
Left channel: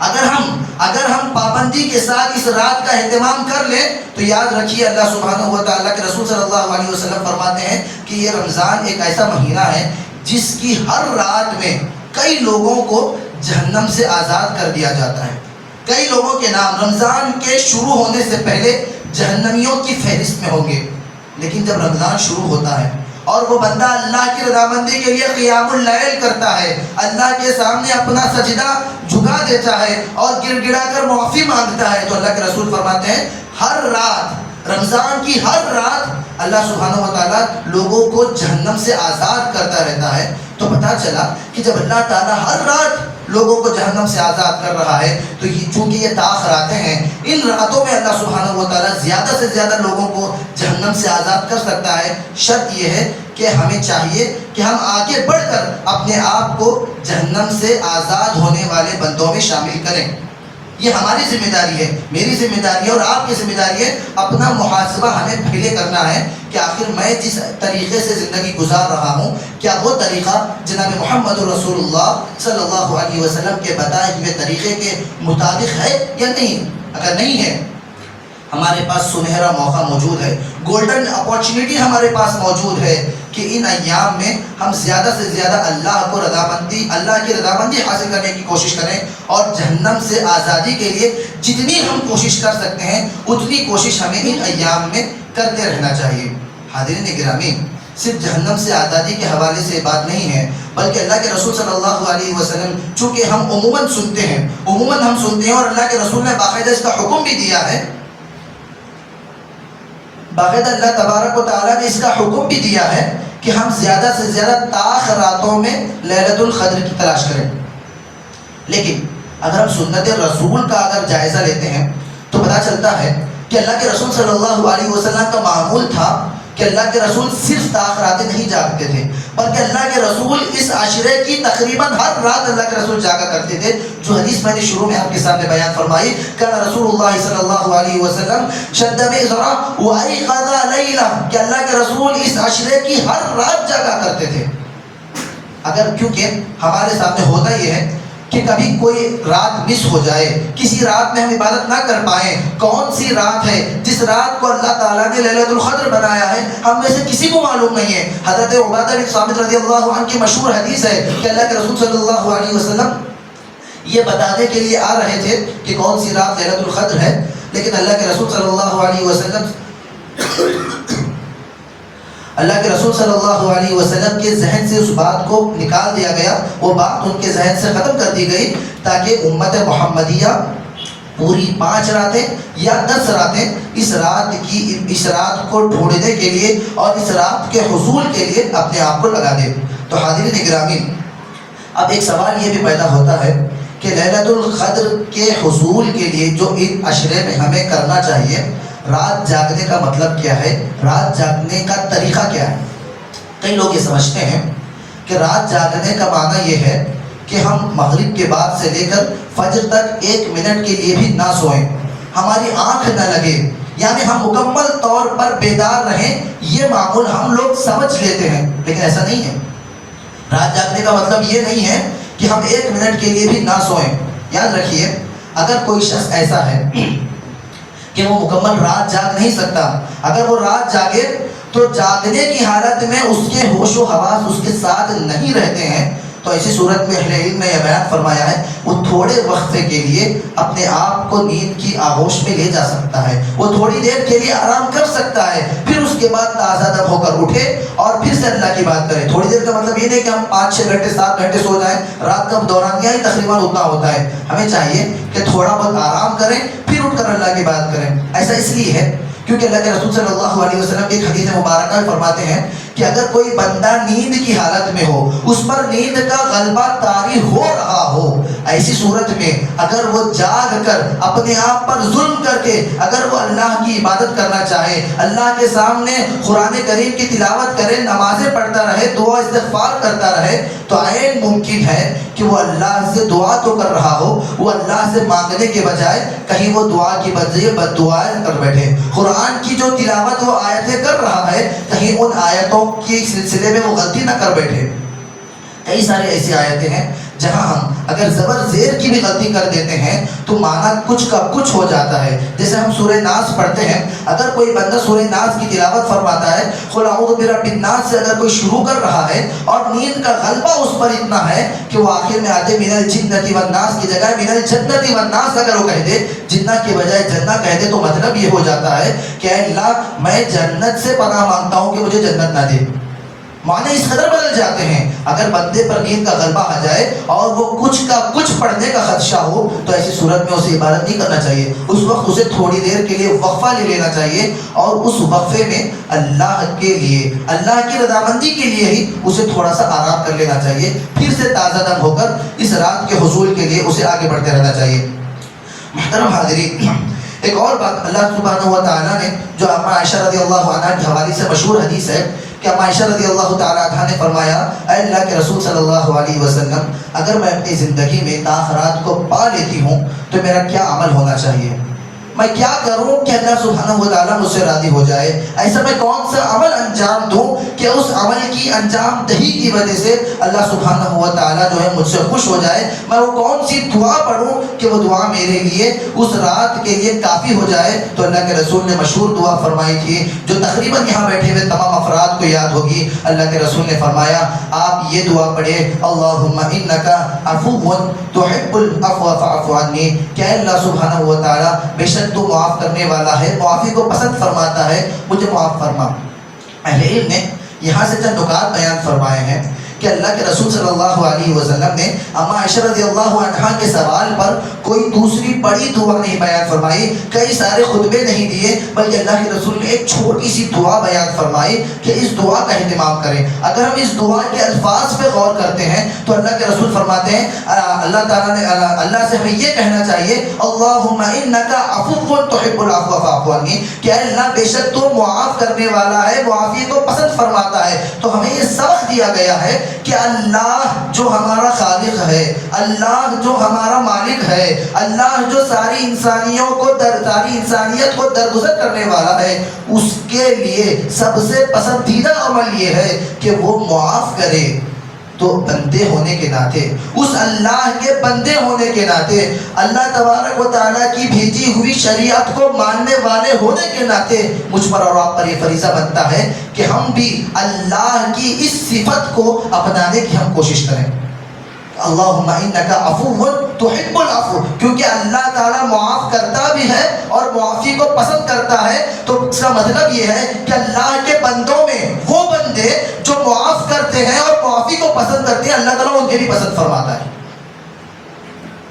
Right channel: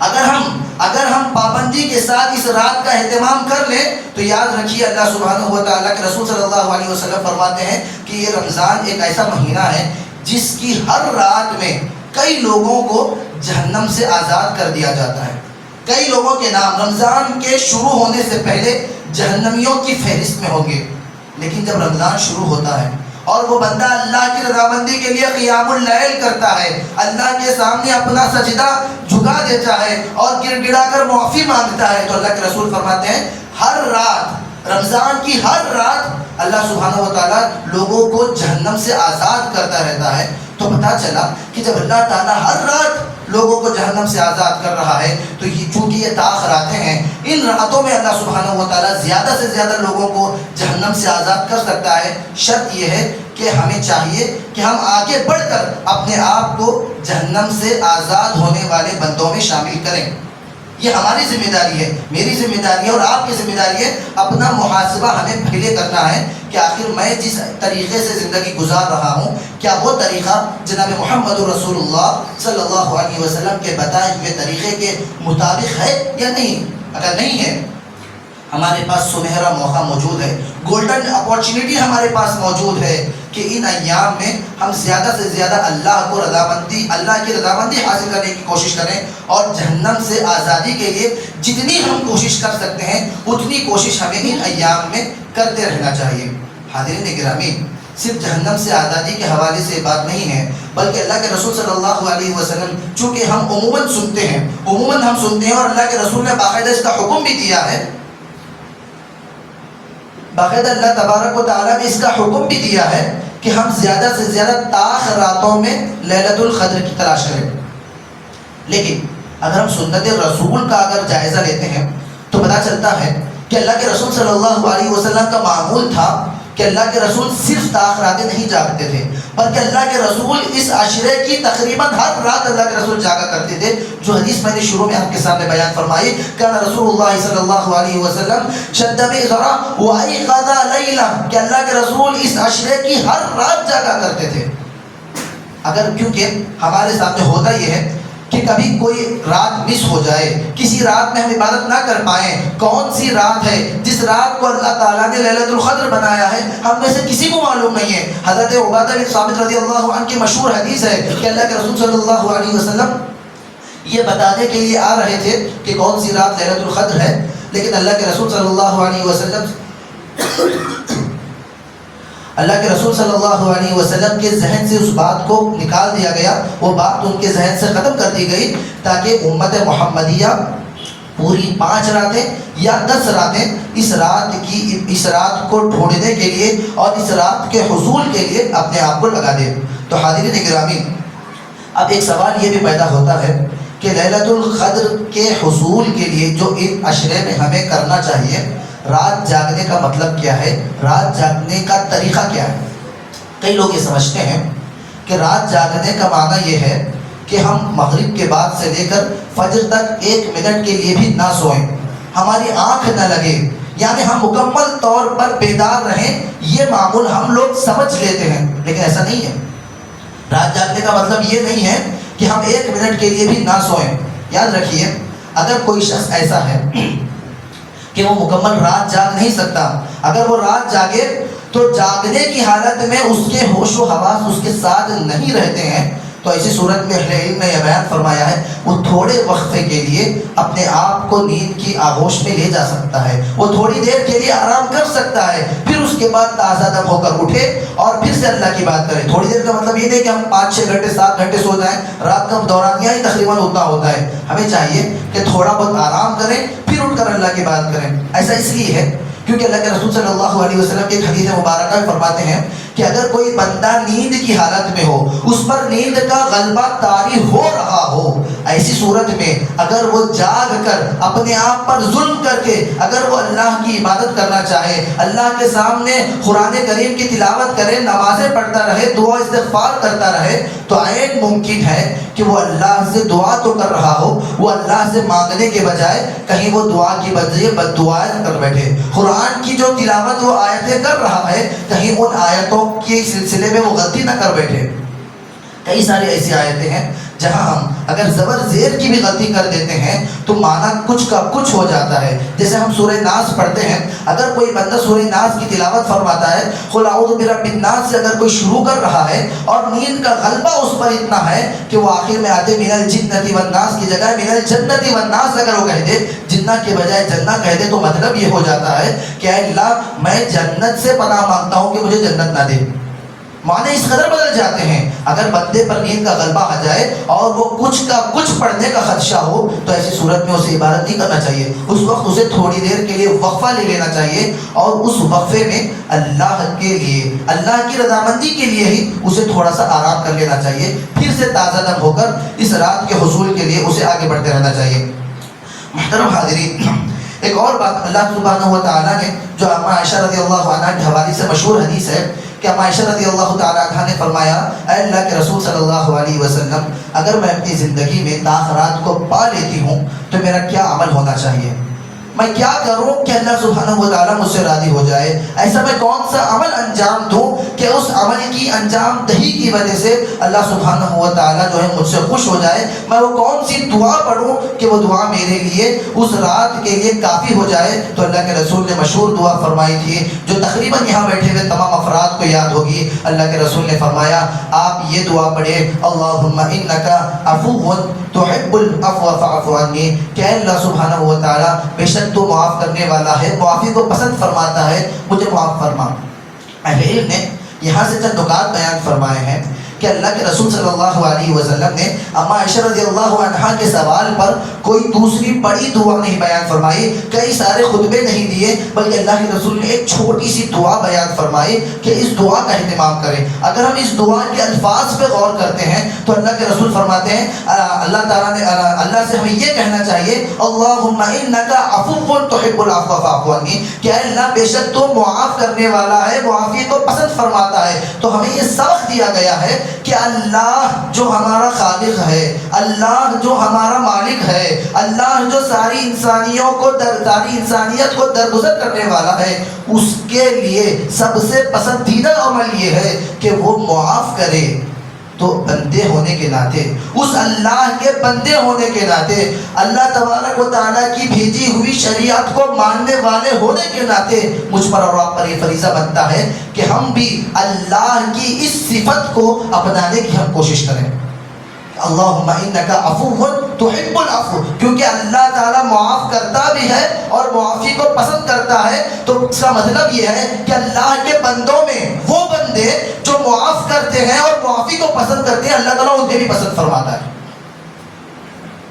اگر ہم پابندی کے ساتھ اس رات کا اہتمام کر لیں، تو یاد رکھیے اللہ سبحانہ و تعالیٰ کے رسول صلی اللہ علیہ وسلم فرماتے ہیں کہ یہ رمضان ایک ایسا مہینہ ہے جس کی ہر رات میں کئی لوگوں کو جہنم سے آزاد کر دیا جاتا ہے۔ کئی لوگوں کے نام رمضان کے شروع ہونے سے پہلے جہنمیوں کی فہرست میں ہوں گے، لیکن جب رمضان شروع ہوتا ہے اور وہ بندہ اللہ کی رضامندی کے لیے قیام اللیل کرتا ہے، اللہ کے سامنے اپنا سجدہ جھکا دیتا ہے اور گر گڑا کر معافی مانگتا ہے، تو اللہ کے رسول فرماتے ہیں ہر رات، رمضان کی ہر رات اللہ سبحانہ و تعالیٰ لوگوں کو جہنم سے آزاد کرتا رہتا ہے۔ تو پتہ چلا کہ جب اللہ تعالیٰ ہر رات لوگوں کو جہنم سے آزاد کر رہا ہے، تو یہ چونکہ یہ تاخراتیں ہیں، ان راتوں میں اللہ سبحانہ و تعالیٰ زیادہ سے زیادہ لوگوں کو جہنم سے آزاد کر سکتا ہے۔ شرط یہ ہے کہ ہمیں چاہیے کہ ہم آگے بڑھ کر اپنے آپ کو جہنم سے آزاد ہونے والے بندوں میں شامل کریں۔ یہ ہماری ذمہ داری ہے، میری ذمہ داری ہے اور آپ کی ذمہ داری ہے۔ اپنا محاسبہ ہمیں پہلے کرنا ہے کہ آخر میں جس طریقے سے زندگی گزار رہا ہوں، کیا وہ طریقہ جناب محمد رسول اللہ صلی اللہ علیہ وسلم کے بتائے ہوئے طریقے کے مطابق ہے یا نہیں؟ اگر نہیں ہے، ہمارے پاس سنہرا موقع موجود ہے، گولڈن اپارچونیٹی ہمارے پاس موجود ہے کہ ان ایام میں ہم زیادہ سے زیادہ اللہ کی رضامندی حاصل کرنے کی کوشش کریں، اور جہنم سے آزادی کے لیے جتنی ہم کوشش کر سکتے ہیں اتنی کوشش ہمیں ان ایام میں کرتے رہنا چاہیے۔ حاضرین گرامی، صرف جہنم سے آزادی کے حوالے سے بات نہیں ہے، بلکہ اللہ کے رسول صلی اللہ علیہ وسلم، چونکہ ہم عموماً سنتے ہیں اور اللہ کے رسول نے باقاعدہ اس کا حکم بھی دیا ہے، باقاعدہ اللہ تبارک و تعالیٰ نے اس کا حکم بھی دیا ہے کہ ہم زیادہ سے زیادہ طاق راتوں میں لیلۃ القدر کی تلاش کریں۔ لیکن اگر ہم سنت رسول کا اگر جائزہ لیتے ہیں تو پتہ چلتا ہے کہ اللہ کے رسول صلی اللہ علیہ وسلم کا معمول تھا کہ اللہ کے رسول صرف طاق راتیں نہیں جاگتے تھے، بلکہ اللہ کے رسول اس عشرے کی تقریباً ہر رات اللہ کے رسول جاگا کرتے تھے، جو حدیث میں نے شروع میں آپ کے سامنے بیان فرمائی، کان رسول اللہ صلی اللہ علیہ وسلم شد مئزرا وایقظ لیلا، کہ اللہ کے رسول اس عشرے کی ہر رات جاگا کرتے تھے۔ اگر کیونکہ ہمارے سامنے ہوتا یہ ہے کہ کبھی کوئی رات مس ہو جائے، کسی رات میں ہم عبادت نہ کر پائیں، کون سی رات ہے جس رات کو اللہ تعالیٰ نے لیلۃ القدر بنایا ہے، ہم میں سے کسی کو معلوم نہیں ہے۔ حضرت عبادہ بن صامت رضی اللہ عنہ کی مشہور حدیث ہے کہ اللہ کے رسول صلی اللہ علیہ وسلم یہ بتانے کے لیے آ رہے تھے کہ کون سی رات لیلۃ القدر ہے، لیکن اللہ کے رسول صلی اللہ علیہ وسلم کے ذہن سے اس بات کو نکال دیا گیا، وہ بات ان کے ذہن سے ختم کر دی گئی، تاکہ امت محمدیہ پوری 5 راتیں یا 10 راتیں اس رات کو ڈھونڈنے کے لیے اور اس رات کے حصول کے لیے اپنے آپ کو لگا دے۔ تو حاضرین گرامی، اب ایک سوال یہ بھی پیدا ہوتا ہے کہ لیلۃ القدر کے حصول کے لیے جو ان عشرے میں ہمیں کرنا چاہیے، رات جاگنے کا مطلب کیا ہے، رات جاگنے کا طریقہ کیا ہے؟ کئی لوگ یہ سمجھتے ہیں کہ رات جاگنے کا معنی یہ ہے کہ ہم مغرب کے بعد سے لے کر فجر تک 1 منٹ کے لیے بھی نہ سوئیں، ہماری آنکھ نہ لگے، یعنی ہم مکمل طور پر بیدار رہیں، یہ معمول ہم لوگ سمجھ لیتے ہیں، لیکن ایسا نہیں ہے۔ رات جاگنے کا مطلب یہ نہیں ہے کہ ہم 1 منٹ کے لیے بھی نہ سوئیں۔ یاد رکھیے، اگر کوئی شخص ایسا ہے کہ وہ مکمل رات جاگ نہیں سکتا، اگر وہ رات جاگے تو جاگنے کی حالت میں اس کے ہوش و حواس اس کے ساتھ نہیں رہتے ہیں، تو ایسی صورت میں اہل علم نے یہ بیان فرمایا ہے وہ تھوڑے وقفے کے لیے اپنے آپ کو نیند کی آغوش میں لے جا سکتا ہے، وہ تھوڑی دیر کے لیے آرام کر سکتا ہے، پھر اس کے بعد تازہ دم ہو کر اٹھے اور پھر سے اللہ کی بات کرے۔ تھوڑی دیر کا مطلب یہ نہیں کہ ہم 5-6 گھنٹے 7 گھنٹے سو جائیں، رات کا دورانیہ ہی تقریباً اتنا ہوتا ہے۔ ہمیں چاہیے کہ تھوڑا بہت آرام کریں پھر اٹھ کر اللہ کی بات کریں۔ ایسا اس لیے ہے کیونکہ اللہ کے رسول صلی اللہ علیہ وسلم کی ایک حدیث مبارکہ میں فرماتے ہیں کہ اگر کوئی بندہ نیند کی حالت میں ہو، اس پر نیند کا غلبہ طاری ہو رہا ہو، ایسی صورت میں اگر وہ جاگ کر اپنے آپ پر ظلم کر کے اگر وہ اللہ کی عبادت کرنا چاہے، اللہ کے سامنے قرآن کریم کی تلاوت کرے، نمازیں پڑھتا رہے، دعا استغفار کرتا رہے، تو عین ممکن ہے کہ وہ اللہ سے دعا تو کر رہا ہو، وہ اللہ سے مانگنے کے بجائے کہیں وہ دعا کی بجائے بد دعائیں کر بیٹھے۔ قرآن کی جو تلاوت وہ آیتیں کر رہا ہے، کہیں ان آیتوں کے سلسلے میں وہ غلطی نہ کر بیٹھے۔ کئی ساری ایسی آیتیں ہیں جہاں ہم اگر زبر زیر کی بھی غلطی کر دیتے ہیں تو معنی کچھ کا کچھ ہو جاتا ہے۔ جیسے ہم سورہ ناس پڑھتے ہیں، اگر کوئی بندہ سورہ ناس کی تلاوت فرماتا ہے، قل اعوذ برب الناس سے اگر کوئی شروع کر رہا ہے اور نیند کا غلبہ اس پر اتنا ہے کہ وہ آخر میں آتے من الجنۃ والناس کی جگہ من الجنۃ والناس اگر وہ کہہ دے، جنہ کے بجائے جنہ کہہ دے، تو مطلب یہ ہو جاتا ہے کہ اے اللہ میں جنت سے پناہ مانگتا ہوں کہ مجھے جنت نہ دے۔ معنی اس قدر بدل جاتے ہیں۔ اگر بندے پر نیند کا غلبہ آ جائے اور وہ کچھ کا کچھ پڑھنے کا خدشہ ہو تو ایسی صورت میں اسے عبادت نہیں کرنا چاہیے، اس وقت اسے تھوڑی دیر کے لیے وقفہ لے لینا چاہیے اور اس وقفے میں اللہ کے لیے، اللہ کی رضامندی کے لیے ہی اسے تھوڑا سا آرام کر لینا چاہیے، پھر سے تازہ دم ہو کر اس رات کے حصول کے لیے اسے آگے بڑھتے رہنا چاہیے۔ محترم حاضرین، ایک اور بات اللہ سبحانہ و تعالیٰ نے جو اما عائشہ رضی اللہ عنہ کے حوالے سے مشہور حدیث ہے کہ اما عائشہ رضی اللہ تعالیٰ عنہ نے فرمایا، اے اللہ کے رسول صلی اللہ علیہ وسلم، اگر میں اپنی زندگی میں تاخرات کو پا لیتی ہوں تو میرا کیا عمل ہونا چاہیے؟ میں کیا کروں کہ اللہ سبحانہ و تعالیٰ مجھ سے راضی ہو جائے؟ ایسا میں کون سا عمل انجام دوں کہ اس عمل کی انجام دہی کی وجہ سے اللہ سبحانہ و تعالیٰ جو ہے مجھ سے خوش ہو جائے؟ میں وہ کون سی دعا پڑھوں کہ وہ دعا میرے لیے اس رات کے لیے کافی ہو جائے؟ تو اللہ کے رسول نے مشہور دعا فرمائی تھی جو تقریباً یہاں بیٹھے ہوئے تمام افراد کو یاد ہوگی۔ اللہ کے رسول نے فرمایا آپ یہ دعا پڑھے، اللہم انکا عفو تحب العفو فاعف عنی، کہ اللہ سبحانہ و تعالیٰ بے شک تو معاف کرنے والا ہے، معافی کو پسند فرماتا ہے، مجھے معاف فرما۔ اہل علم نے یہاں سے چند نکات بیان فرمائے ہیں کہ اللہ کے رسول صلی اللہ علیہ وسلم نے اما عائشہ رضی اللہ عنہا کے سوال پر کوئی دوسری بڑی دعا نہیں بیان فرمائی، کئی سارے خطبے نہیں دیے، بلکہ اللہ کے رسول نے ایک چھوٹی سی دعا بیان فرمائی کہ اس دعا کا اہتمام کریں۔ اگر ہم اس دعا کے الفاظ پہ غور کرتے ہیں تو اللہ کے رسول فرماتے ہیں اللہ تعالیٰ نے اللہ سے ہمیں یہ کہنا چاہیے اللہم انکا عفو تحب العفو فاعف عنی، کہ اے اللہ بے شک تو معاف کرنے والا ہے، معافی کو پسند فرماتا ہے۔ تو ہمیں یہ سبق دیا گیا ہے کہ اللہ جو ہمارا خالق ہے، اللہ جو ہمارا مالک ہے، اللہ جو ساری انسانیت کو درگزر کرنے والا ہے، اس کے لیے سب سے پسندیدہ عمل یہ ہے کہ وہ معاف کرے۔ تو بندے ہونے کے ناطے، اس اللہ کے بندے ہونے کے ناطے، اللہ تبارک و تعالیٰ کی بھیجی ہوئی شریعت کو ماننے والے ہونے کے ناطے مجھ پر اور آپ پر یہ فریضہ بنتا ہے کہ ہم بھی اللہ کی اس صفت کو اپنانے کی ہم کوشش کریں۔ اللہم انکا عفو تحب العفو، کیونکہ اللہ تعالیٰ معاف کرتا بھی ہے اور معافی کو پسند کرتا ہے، تو اس کا مطلب یہ ہے کہ اللہ کے بندوں میں وہ بندے جو معاف کرتے ہیں اور معافی کو پسند کرتے ہیں، اللہ تعالیٰ انہیں بھی پسند فرماتا ہے۔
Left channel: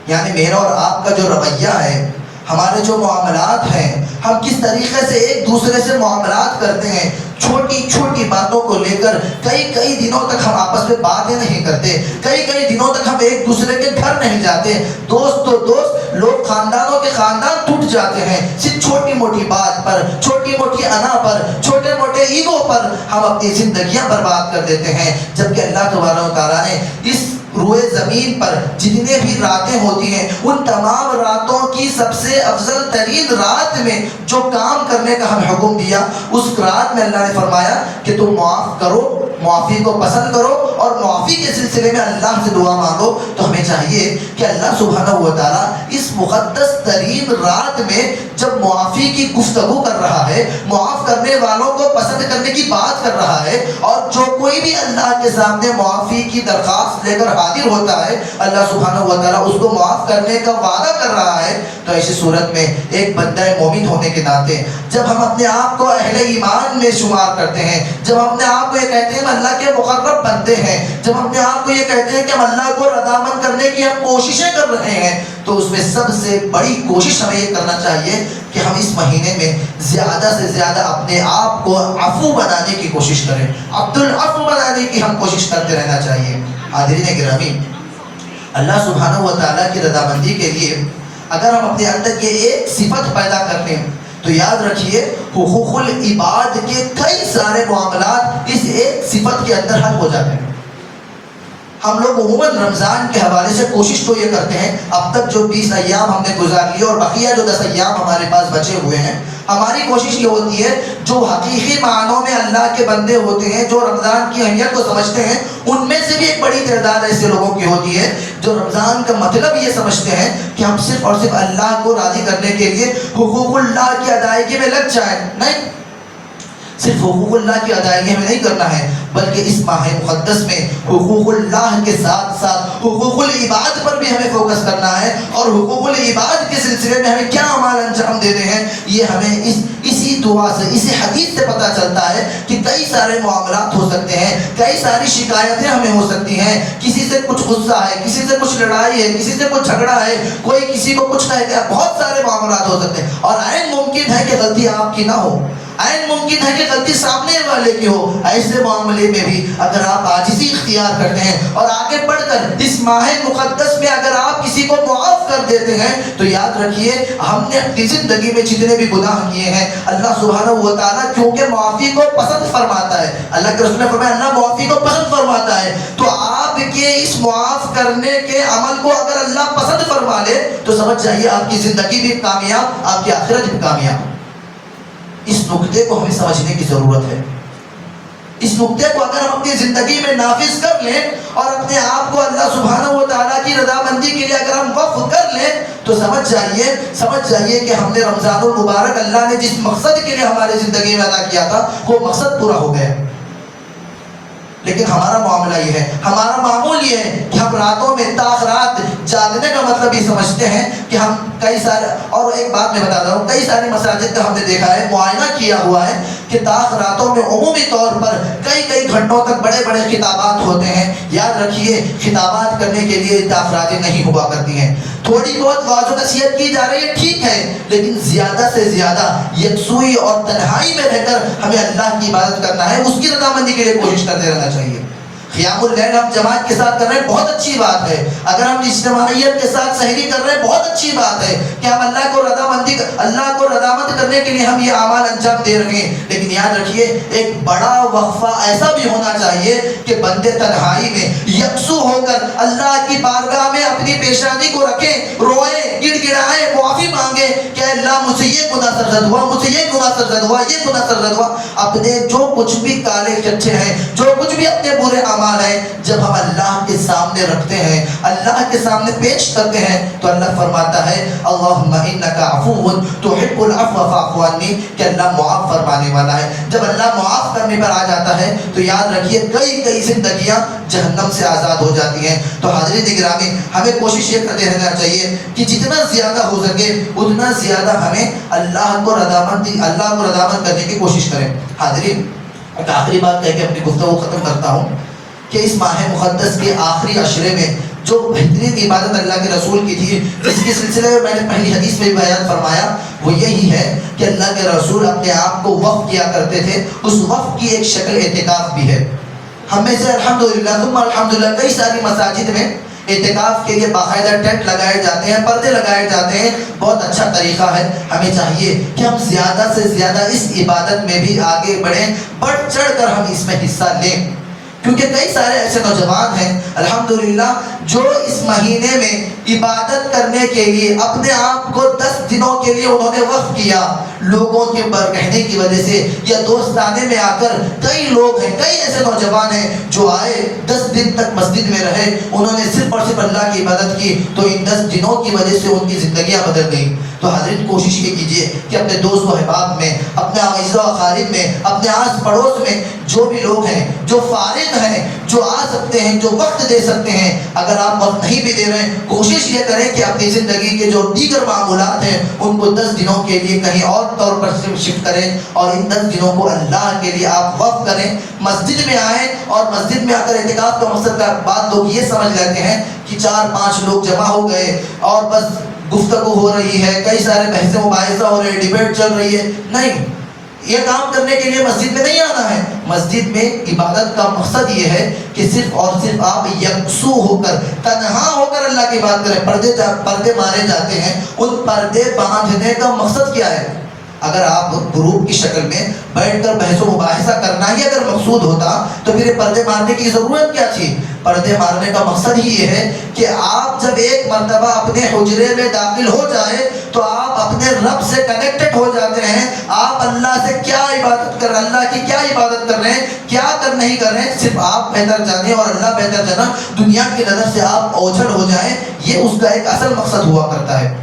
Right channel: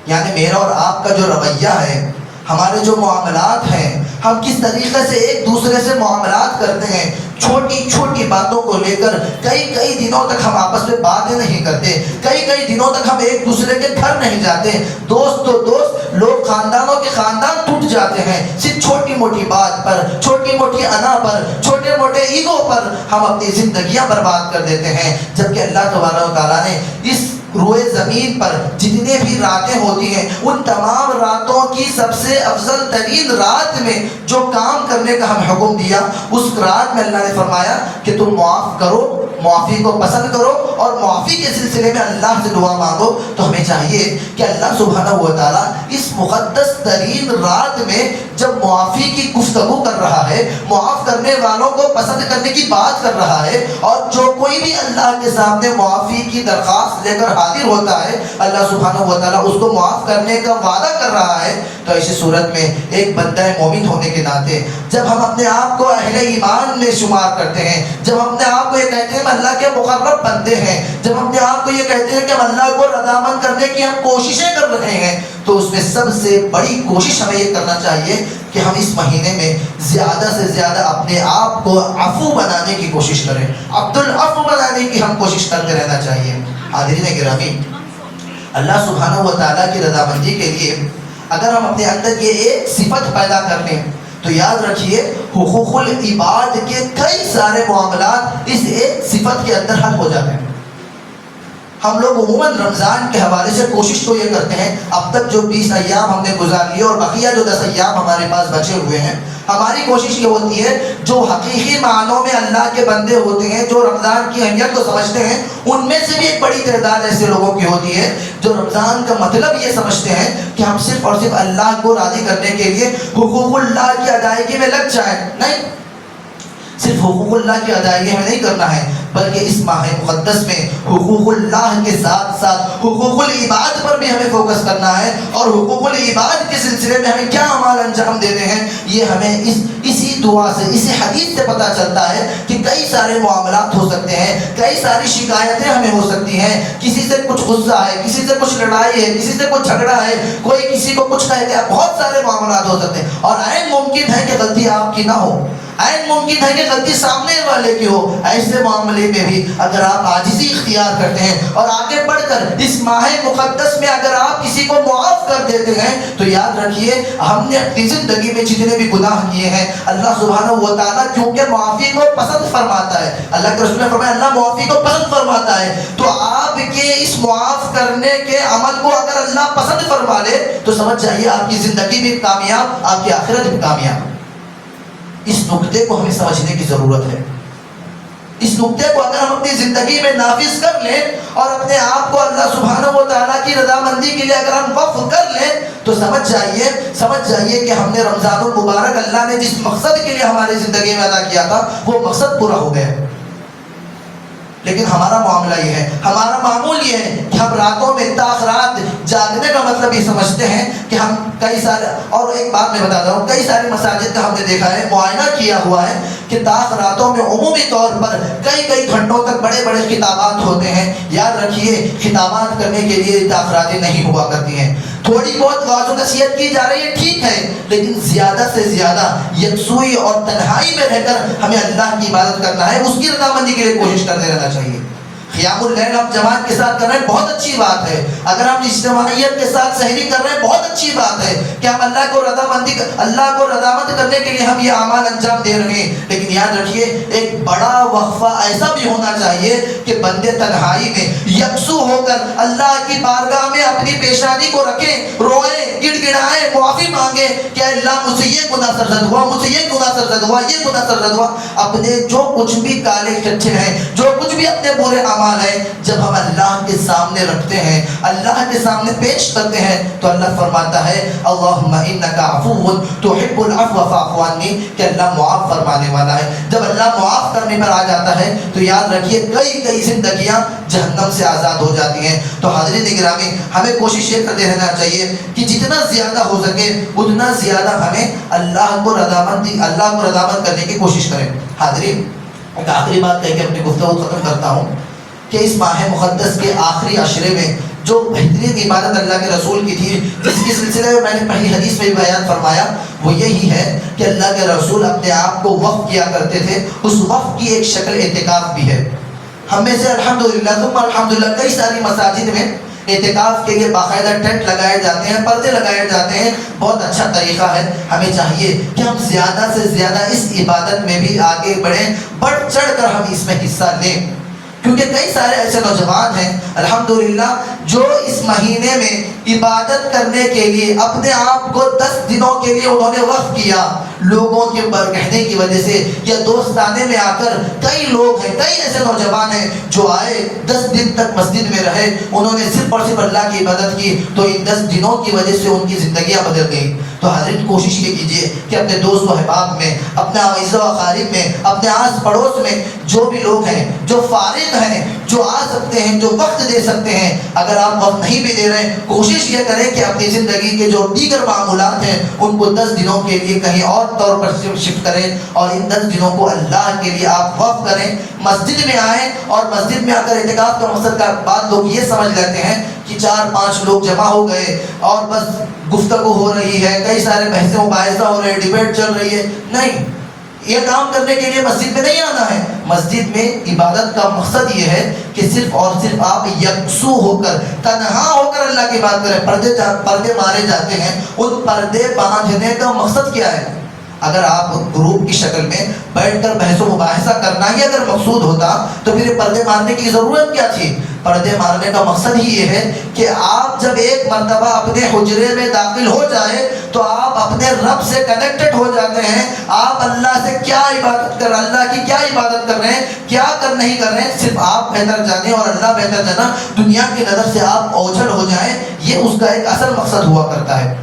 یعنی میرا اور آپ کا جو رویہ ہے، ہمارے جو معاملات ہیں، ہم کس طریقے سے ایک دوسرے سے معاملات کرتے ہیں، چھوٹی چھوٹی باتوں کو لے کر کئی دنوں تک ہم آپس میں باتیں نہیں کرتے، کئی دنوں تک ہم ایک دوسرے کے گھر نہیں جاتے، دوست تو دوست، لوگ خاندانوں کے خاندان ٹوٹ جاتے ہیں صرف چھوٹی موٹی بات پر، چھوٹی موٹی انا پر، چھوٹے موٹے ایگو پر ہم اپنی زندگیاں برباد کر دیتے ہیں۔ جبکہ اللہ تبارک و تعالیٰ نے اس روئے زمین پر جتنے بھی راتیں ہوتی ہیں، ان تمام راتوں کی سب سے افضل ترین رات میں جو کام کرنے کا ہمیں حکم دیا، اس رات میں اللہ نے فرمایا کہ تم معاف کرو، معافی کو پسند کرو اور معافی کے سلسلے میں اللہ سے دعا مانگو۔ تو ہمیں چاہیے کہ اللہ سبحانہ و تعالیٰ اس مقدس ترین رات میں جب معافی کی گفتگو کر رہا ہے، معاف کرنے والوں کو پسند کرنے کی بات کر رہا ہے، اور جو کوئی بھی اللہ کے سامنے معافی کی درخواست لے کر حاضر ہوتا ہے اللہ سبحانہ و تعالیٰ اس کو معاف کرنے کا وعدہ کر رہا ہے، تو ایسی صورت میں ایک بندہ مومن ہونے کے ناطے جب ہم اپنے آپ کو اہل ایمان میں شمار کرتے ہیں، جب ہم اپنے آپ کو یہ کہتے ہیں کہ اللہ کے مقرب بندے ہیں، جب ہم اپنے آپ کو یہ کہتے ہیں کہ ہم اللہ کو رضامند کرنے کی ہم کوششیں کر رہے ہیں، تو اس میں سب سے بڑی کوشش ہمیں یہ کرنا چاہیے کہ ہم اس مہینے میں زیادہ سے زیادہ اپنے آپ کو عفو بنانے کی کوشش کریں، عبد العفو بنانے کی ہم کوشش کرتے رہنا چاہیے۔ حاضرین گرامی، اللہ سبحانہ و تعالیٰ کی رضامندی کے لیے اگر ہم اپنے اندر یہ ایک صفت پیدا کر لیں تو یاد رکھیے حقوق العباد کے کئی سارے معاملات اس ایک صفت کے اندر حل ہو جاتے ہیں۔ ہم لوگ عموماً رمضان کے حوالے سے کوشش تو یہ کرتے ہیں، اب تک جو 20 ایام ہم نے گزار لیے اور بقیہ جو 10 ایام ہمارے پاس بچے ہوئے ہیں، ہماری کوشش یہ ہوتی ہے جو حقیقی معنوں میں اللہ کے بندے ہوتے ہیں، جو رمضان کی اہمیت کو سمجھتے ہیں، ان میں سے بھی ایک بڑی تعداد ایسے لوگوں کی ہوتی ہے جو رمضان کا مطلب یہ سمجھتے ہیں کہ ہم صرف اور صرف اللہ کو راضی کرنے کے لیے حقوق اللہ کی ادائیگی میں لگ جائیں۔ نہیں، صرف حقوق اللہ کی ادائیگی ہمیں نہیں کرنا ہے، بلکہ اس ماہ مقدس میں حقوق اللہ کے ساتھ ساتھ حقوق العباد پر بھی ہمیں فوکس کرنا ہے، اور حقوق العباد کے سلسلے میں ہمیں کیا اعمال انجام دینے ہیں یہ ہمیں اسی دعا سے، اسی حدیث سے پتہ چلتا ہے کہ کئی سارے معاملات ہو سکتے ہیں، کئی ساری شکایتیں ہمیں ہو سکتی ہیں، کسی سے کچھ غصہ ہے، کسی سے کچھ لڑائی ہے، کسی سے کچھ جھگڑا ہے، کوئی کسی کو کچھ کہہ گیا، بہت سارے معاملات ہو سکتے ہیں، اور عین ممکن ہے کہ غلطی آپ کی نہ ہو، عین ممکن ہے کہ غلطی سامنے والے کی ہو۔ ایسے معاملے میں بھی اگر آپ عاجزی اختیار کرتے ہیں اور آگے بڑھ کر اس ماہ مقدس میں اگر آپ کسی کو معاف کر دیتے ہیں تو یاد رکھیے ہم نے اپنی زندگی میں جتنے بھی گناہ کیے ہیں اللہ سبحانہ و تعالیٰ کیونکہ معافی کو پسند فرماتا ہے، اللہ کے رسول نے فرمایا اللہ معافی کو پسند فرماتا ہے، تو آپ کے اس معاف کرنے کے عمل کو اگر اللہ پسند فرما لے تو سمجھ جائیے آپ کی زندگی بھی کامیاب، آپ کی آخرت بھی کامیاب۔ اس نقطے کو ہمیں سمجھنے کی ضرورت ہے۔ اس نقطے کو اگر ہم اپنی زندگی میں نافذ کر لیں اور اپنے آپ کو اللہ سبحانہ و تعالیٰ کی رضامندی کے لیے اگر ہم وقف کر لیں تو سمجھ جائیے کہ ہم نے رمضان المبارک اللہ نے جس مقصد کے لیے ہماری زندگی میں ادا کیا تھا وہ مقصد پورا ہو گیا۔ لیکن ہمارا معاملہ یہ ہے، ہمارا معمول یہ ہے کہ ہم راتوں میں تاخرات جاگنے کا مطلب یہ سمجھتے ہیں کہ ہم کئی سارے، اور ایک بات میں بتا رہا ہوں، کئی ساری مساجد کا ہم نے دیکھا ہے، معائنہ کیا ہوا ہے کہ تاخراتوں میں عمومی طور پر کئی گھنٹوں تک بڑے بڑے خطابات ہوتے ہیں۔ یاد رکھیے خطابات کرنے کے لیے تاخراتیں نہیں ہوا کرتی ہیں، تھوڑی بہت واضح نصیحت کی جا رہی ہے، ٹھیک ہے، لیکن زیادہ سے زیادہ یکسوئی اور تنہائی میں رہ کر ہمیں اللہ کی عبادت کرنا ہے، اس کی رضامندی کے لیے کوشش کرتے رہنا چاہیے۔ قیام اللیل ہم جماعت کے ساتھ کر رہے ہیں، بہت اچھی بات ہے، اگر ہم اجتماعیت کے ساتھ سحری کر رہے ہیں بہت اچھی بات ہے کہ ہم اللہ کو رضامند کرنے کے لیے ہم یہ اعمال انجام دے رہے ہیں، لیکن یاد رکھیے ایک بڑا وقفہ ایسا بھی ہونا چاہیے کہ بندے تنہائی میں یکسو ہو کر اللہ کی بارگاہ میں اپنی پیشانی کو رکھیں، روئیں، گڑ گڑائیں، معافی مانگے کہ اللہ مجھے یہ گناہ سرزد ہوا، مجھے یہ گناہ سرزد ہوا، یہ گناہ سرزد ہوا۔ اپنے جو کچھ بھی کالے کچھے ہیں، جو کچھ بھی اپنے برے اعمال ہیں، جب ہم اللہ کے سامنے رکھتے ہیں، اللہ کے سامنے پیش کرتے ہیں تو اللہ فرماتا ہے اللہم انک عفو تحب العفو فاعف عنی، کہ اللہ معاف فرمانے والا ہے۔ جب اللہ معاف کرنے پر آ جاتا ہے تو یاد رکھیے کئی زندگیاں جہنم سے آزاد ہو جاتی ہیں۔ تو حاضرین گرامی ہمیں کوشش یہ کرتے رہنا چاہیے کہ جتنا زیادہ ہو سکے اتنا زیادہ ہمیں اللہ کو رضامند کرنے کی کوشش کریں۔ حاضرین ایک آخری بات کہہ کے اپنی گفتگو ختم کرتا ہوں کہ اس ماہ مقدس کے آخری عشرے میں جو بہترین عبادت اللہ کے رسول کی تھی، جس کے سلسلے میں نے پہلی حدیث میں بیان فرمایا، وہ یہی ہے کہ اللہ کے رسول اپنے آپ کو وقف کیا کرتے تھے۔ اس وقف کی ایک شکل اعتکاف بھی ہے۔ ہم میں سے الحمدللہ ثم الحمدللہ کئی ساری مساجد میں اعتکاف کے لیے باقاعدہ ٹینٹ لگائے جاتے ہیں، پردے لگائے جاتے ہیں، بہت اچھا طریقہ ہے۔ ہمیں چاہیے کہ ہم زیادہ سے زیادہ اس عبادت میں بھی آگے بڑھیں، بڑھ چڑھ کر ہم اس میں حصہ لیں، کیونکہ کئی سارے ایسے نوجوان ہیں الحمدللہ جو اس مہینے میں عبادت کرنے کے لیے اپنے آپ کو 10 دنوں کے لیے انہوں نے وقف کیا لوگوں کے کہنے کی وجہ سے یا دوستانے میں آ کر کئی لوگ ہیں، کئی ایسے نوجوان ہیں جو آئے 10 دن تک مسجد میں رہے، انہوں نے صرف اور صرف اللہ کی عبادت کی، تو ان 10 دنوں کی وجہ سے ان کی زندگیاں بدل گئی۔ تو حضرت کوشش یہ کیجئے کہ اپنے دوست و احباب میں، اپنے اعزاء و اقارب میں، اپنے آس پڑوس میں جو بھی لوگ ہیں، جو فارغ ہیں، جو آ سکتے ہیں، جو وقت دے سکتے ہیں، اگر آپ وقت نہیں بھی دے رہے ہیں، کوشش یہ کریں کہ اپنی زندگی کے جو دیگر معمولات ہیں ان کو 10 دنوں کے لیے کہیں اور طور پر شفٹ کریں، اور ان 10 دنوں کو اللہ کے لیے آپ وقف کریں۔ مسجد میں آئیں، اور مسجد میں آ کر اعتکاف کا مقصد کا بعد لوگ یہ سمجھ لیتے ہیں کہ 4-5 لوگ جمع ہو گئے اور بس گفتگو ہو رہی ہے، کئی سارے بحث و مباحثہ ہو رہے ہیں، ڈیبیٹ چل رہی ہے۔ نہیں، یہ کام کرنے کے لیے مسجد میں نہیں آنا ہے۔ مسجد میں عبادت کا مقصد یہ ہے کہ صرف اور صرف آپ یکسو ہو کر، تنہا ہو کر اللہ کی بات کریں۔ پردے مارے جاتے ہیں، ان پردے باندھنے کا مقصد کیا ہے؟ اگر آپ گروپ کی شکل میں بیٹھ کر بحث و مباحثہ کرنا ہی اگر مقصود ہوتا تو پھر یہ پردے مارنے کی ضرورت کیا تھی؟ پردے مارنے کا مقصد ہی یہ ہے کہ آپ جب ایک مرتبہ اپنے حجرے میں داخل ہو جائے تو آپ اپنے رب سے کنیکٹڈ ہو جاتے ہیں۔ آپ اللہ سے کیا عبادت کر رہے ہیں، اللہ کی کیا عبادت کر رہے ہیں، کیا نہیں کر رہے ہیں، صرف آپ بہتر جانیں اور اللہ بہتر جانا، دنیا کی نظر سے آپ اوجھل ہو جائیں، یہ اس کا ایک اصل مقصد ہوا کرتا ہے۔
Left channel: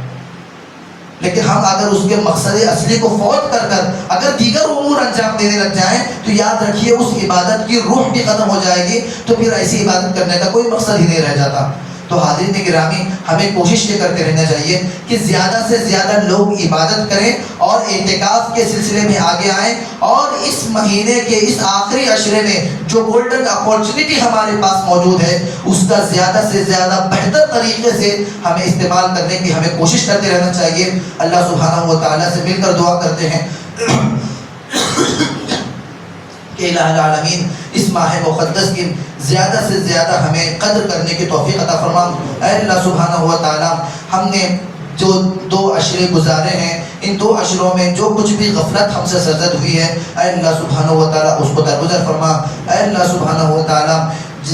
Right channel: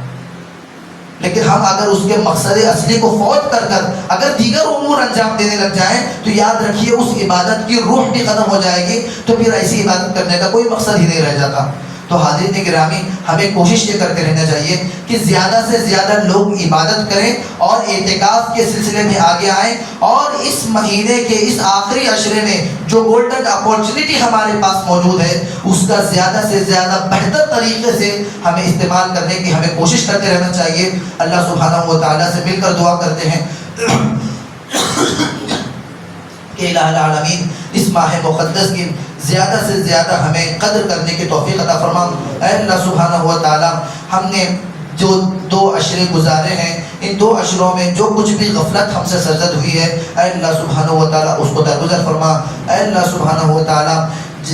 لیکن ہم اگر اس کے مقصد اصلی کو فوت کر کر اگر دیگر امور انجام دینے لگ جائیں تو یاد رکھیے اس عبادت کی روح بھی ختم ہو جائے گی، تو پھر ایسی عبادت کرنے کا کوئی مقصد ہی نہیں رہ جاتا۔ تو حاضرین گرامی، ہمیں کوشش یہ کرتے رہنا چاہیے کہ زیادہ سے زیادہ لوگ عبادت کریں اور اعتکاف کے سلسلے میں آگے آئیں، اور اس مہینے کے اس آخری عشرے میں جو گولڈن اپورچونٹی ہمارے پاس موجود ہے اس کا زیادہ سے زیادہ بہتر طریقے سے ہمیں استعمال کرنے کی ہمیں کوشش کرتے رہنا چاہیے۔ اللہ سبحانہ و تعالیٰ سے مل کر دعا کرتے ہیں کہ الہ العالمین اس ماہ مقدس کی زیادہ سے زیادہ ہمیں قدر کرنے کی توفیق عطا فرما۔ اے اللہ سبحانہ و تعالیٰ، ہم نے جو 2 عشرے گزارے ہیں، ان 2 عشروں میں جو کچھ بھی غفلت ہم سے سرزد ہوئی ہے، اے اللہ سبحانہ و تعالیٰ اس کو درگزر فرما۔ اے اللہ سبحانہ و تعالیٰ،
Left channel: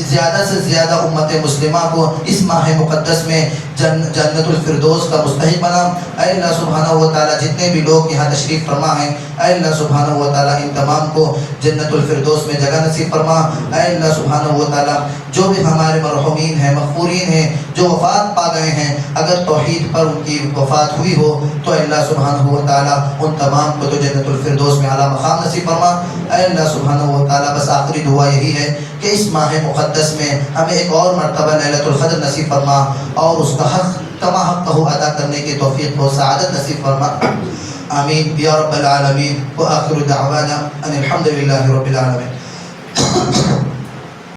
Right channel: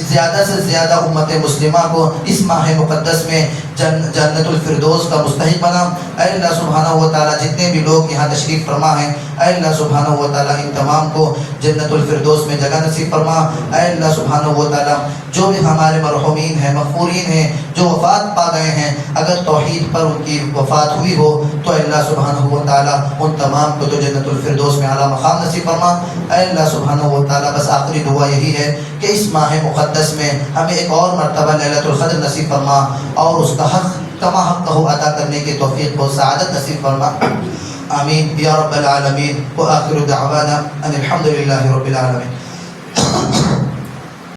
زیادہ سے زیادہ امت مسلمہ کو اس ماہ مقدس میں جنت الفردوس کا مستحق بنا۔ اے اللہ سبحانہ و تعالیٰ، جتنے بھی لوگ یہاں تشریف فرما ہیں، اے اللہ سبحانہ و تعالیٰ ان تمام کو جنت الفردوس میں جگہ نصیب فرما۔ اے اللہ سبحانہ و تعالیٰ، جو بھی ہمارے مرحومین ہیں، مغفورین ہیں، جو وفات پا گئے ہیں، اگر توحید پر ان کی وفات ہوئی ہو تو اے اللہ سبحانہ و تعالیٰ ان تمام کو تو جنت الفردوس میں اعلیٰ مقام نصیب فرما۔ اے اللہ سبحانہ و تعالیٰ، بس آخری دعا یہی ہے کہ اس ماہ مقدس میں ہمیں ایک اور مرتبہ لیلۃ القدر نصیب فرما، اور اس کا حق کما حق کو ادا کرنے کی توفیق و سعادت نصیب فرما۔ آمین یا رب العالمین، وآخر دعوانا ان الحمد للہ رب العالمین۔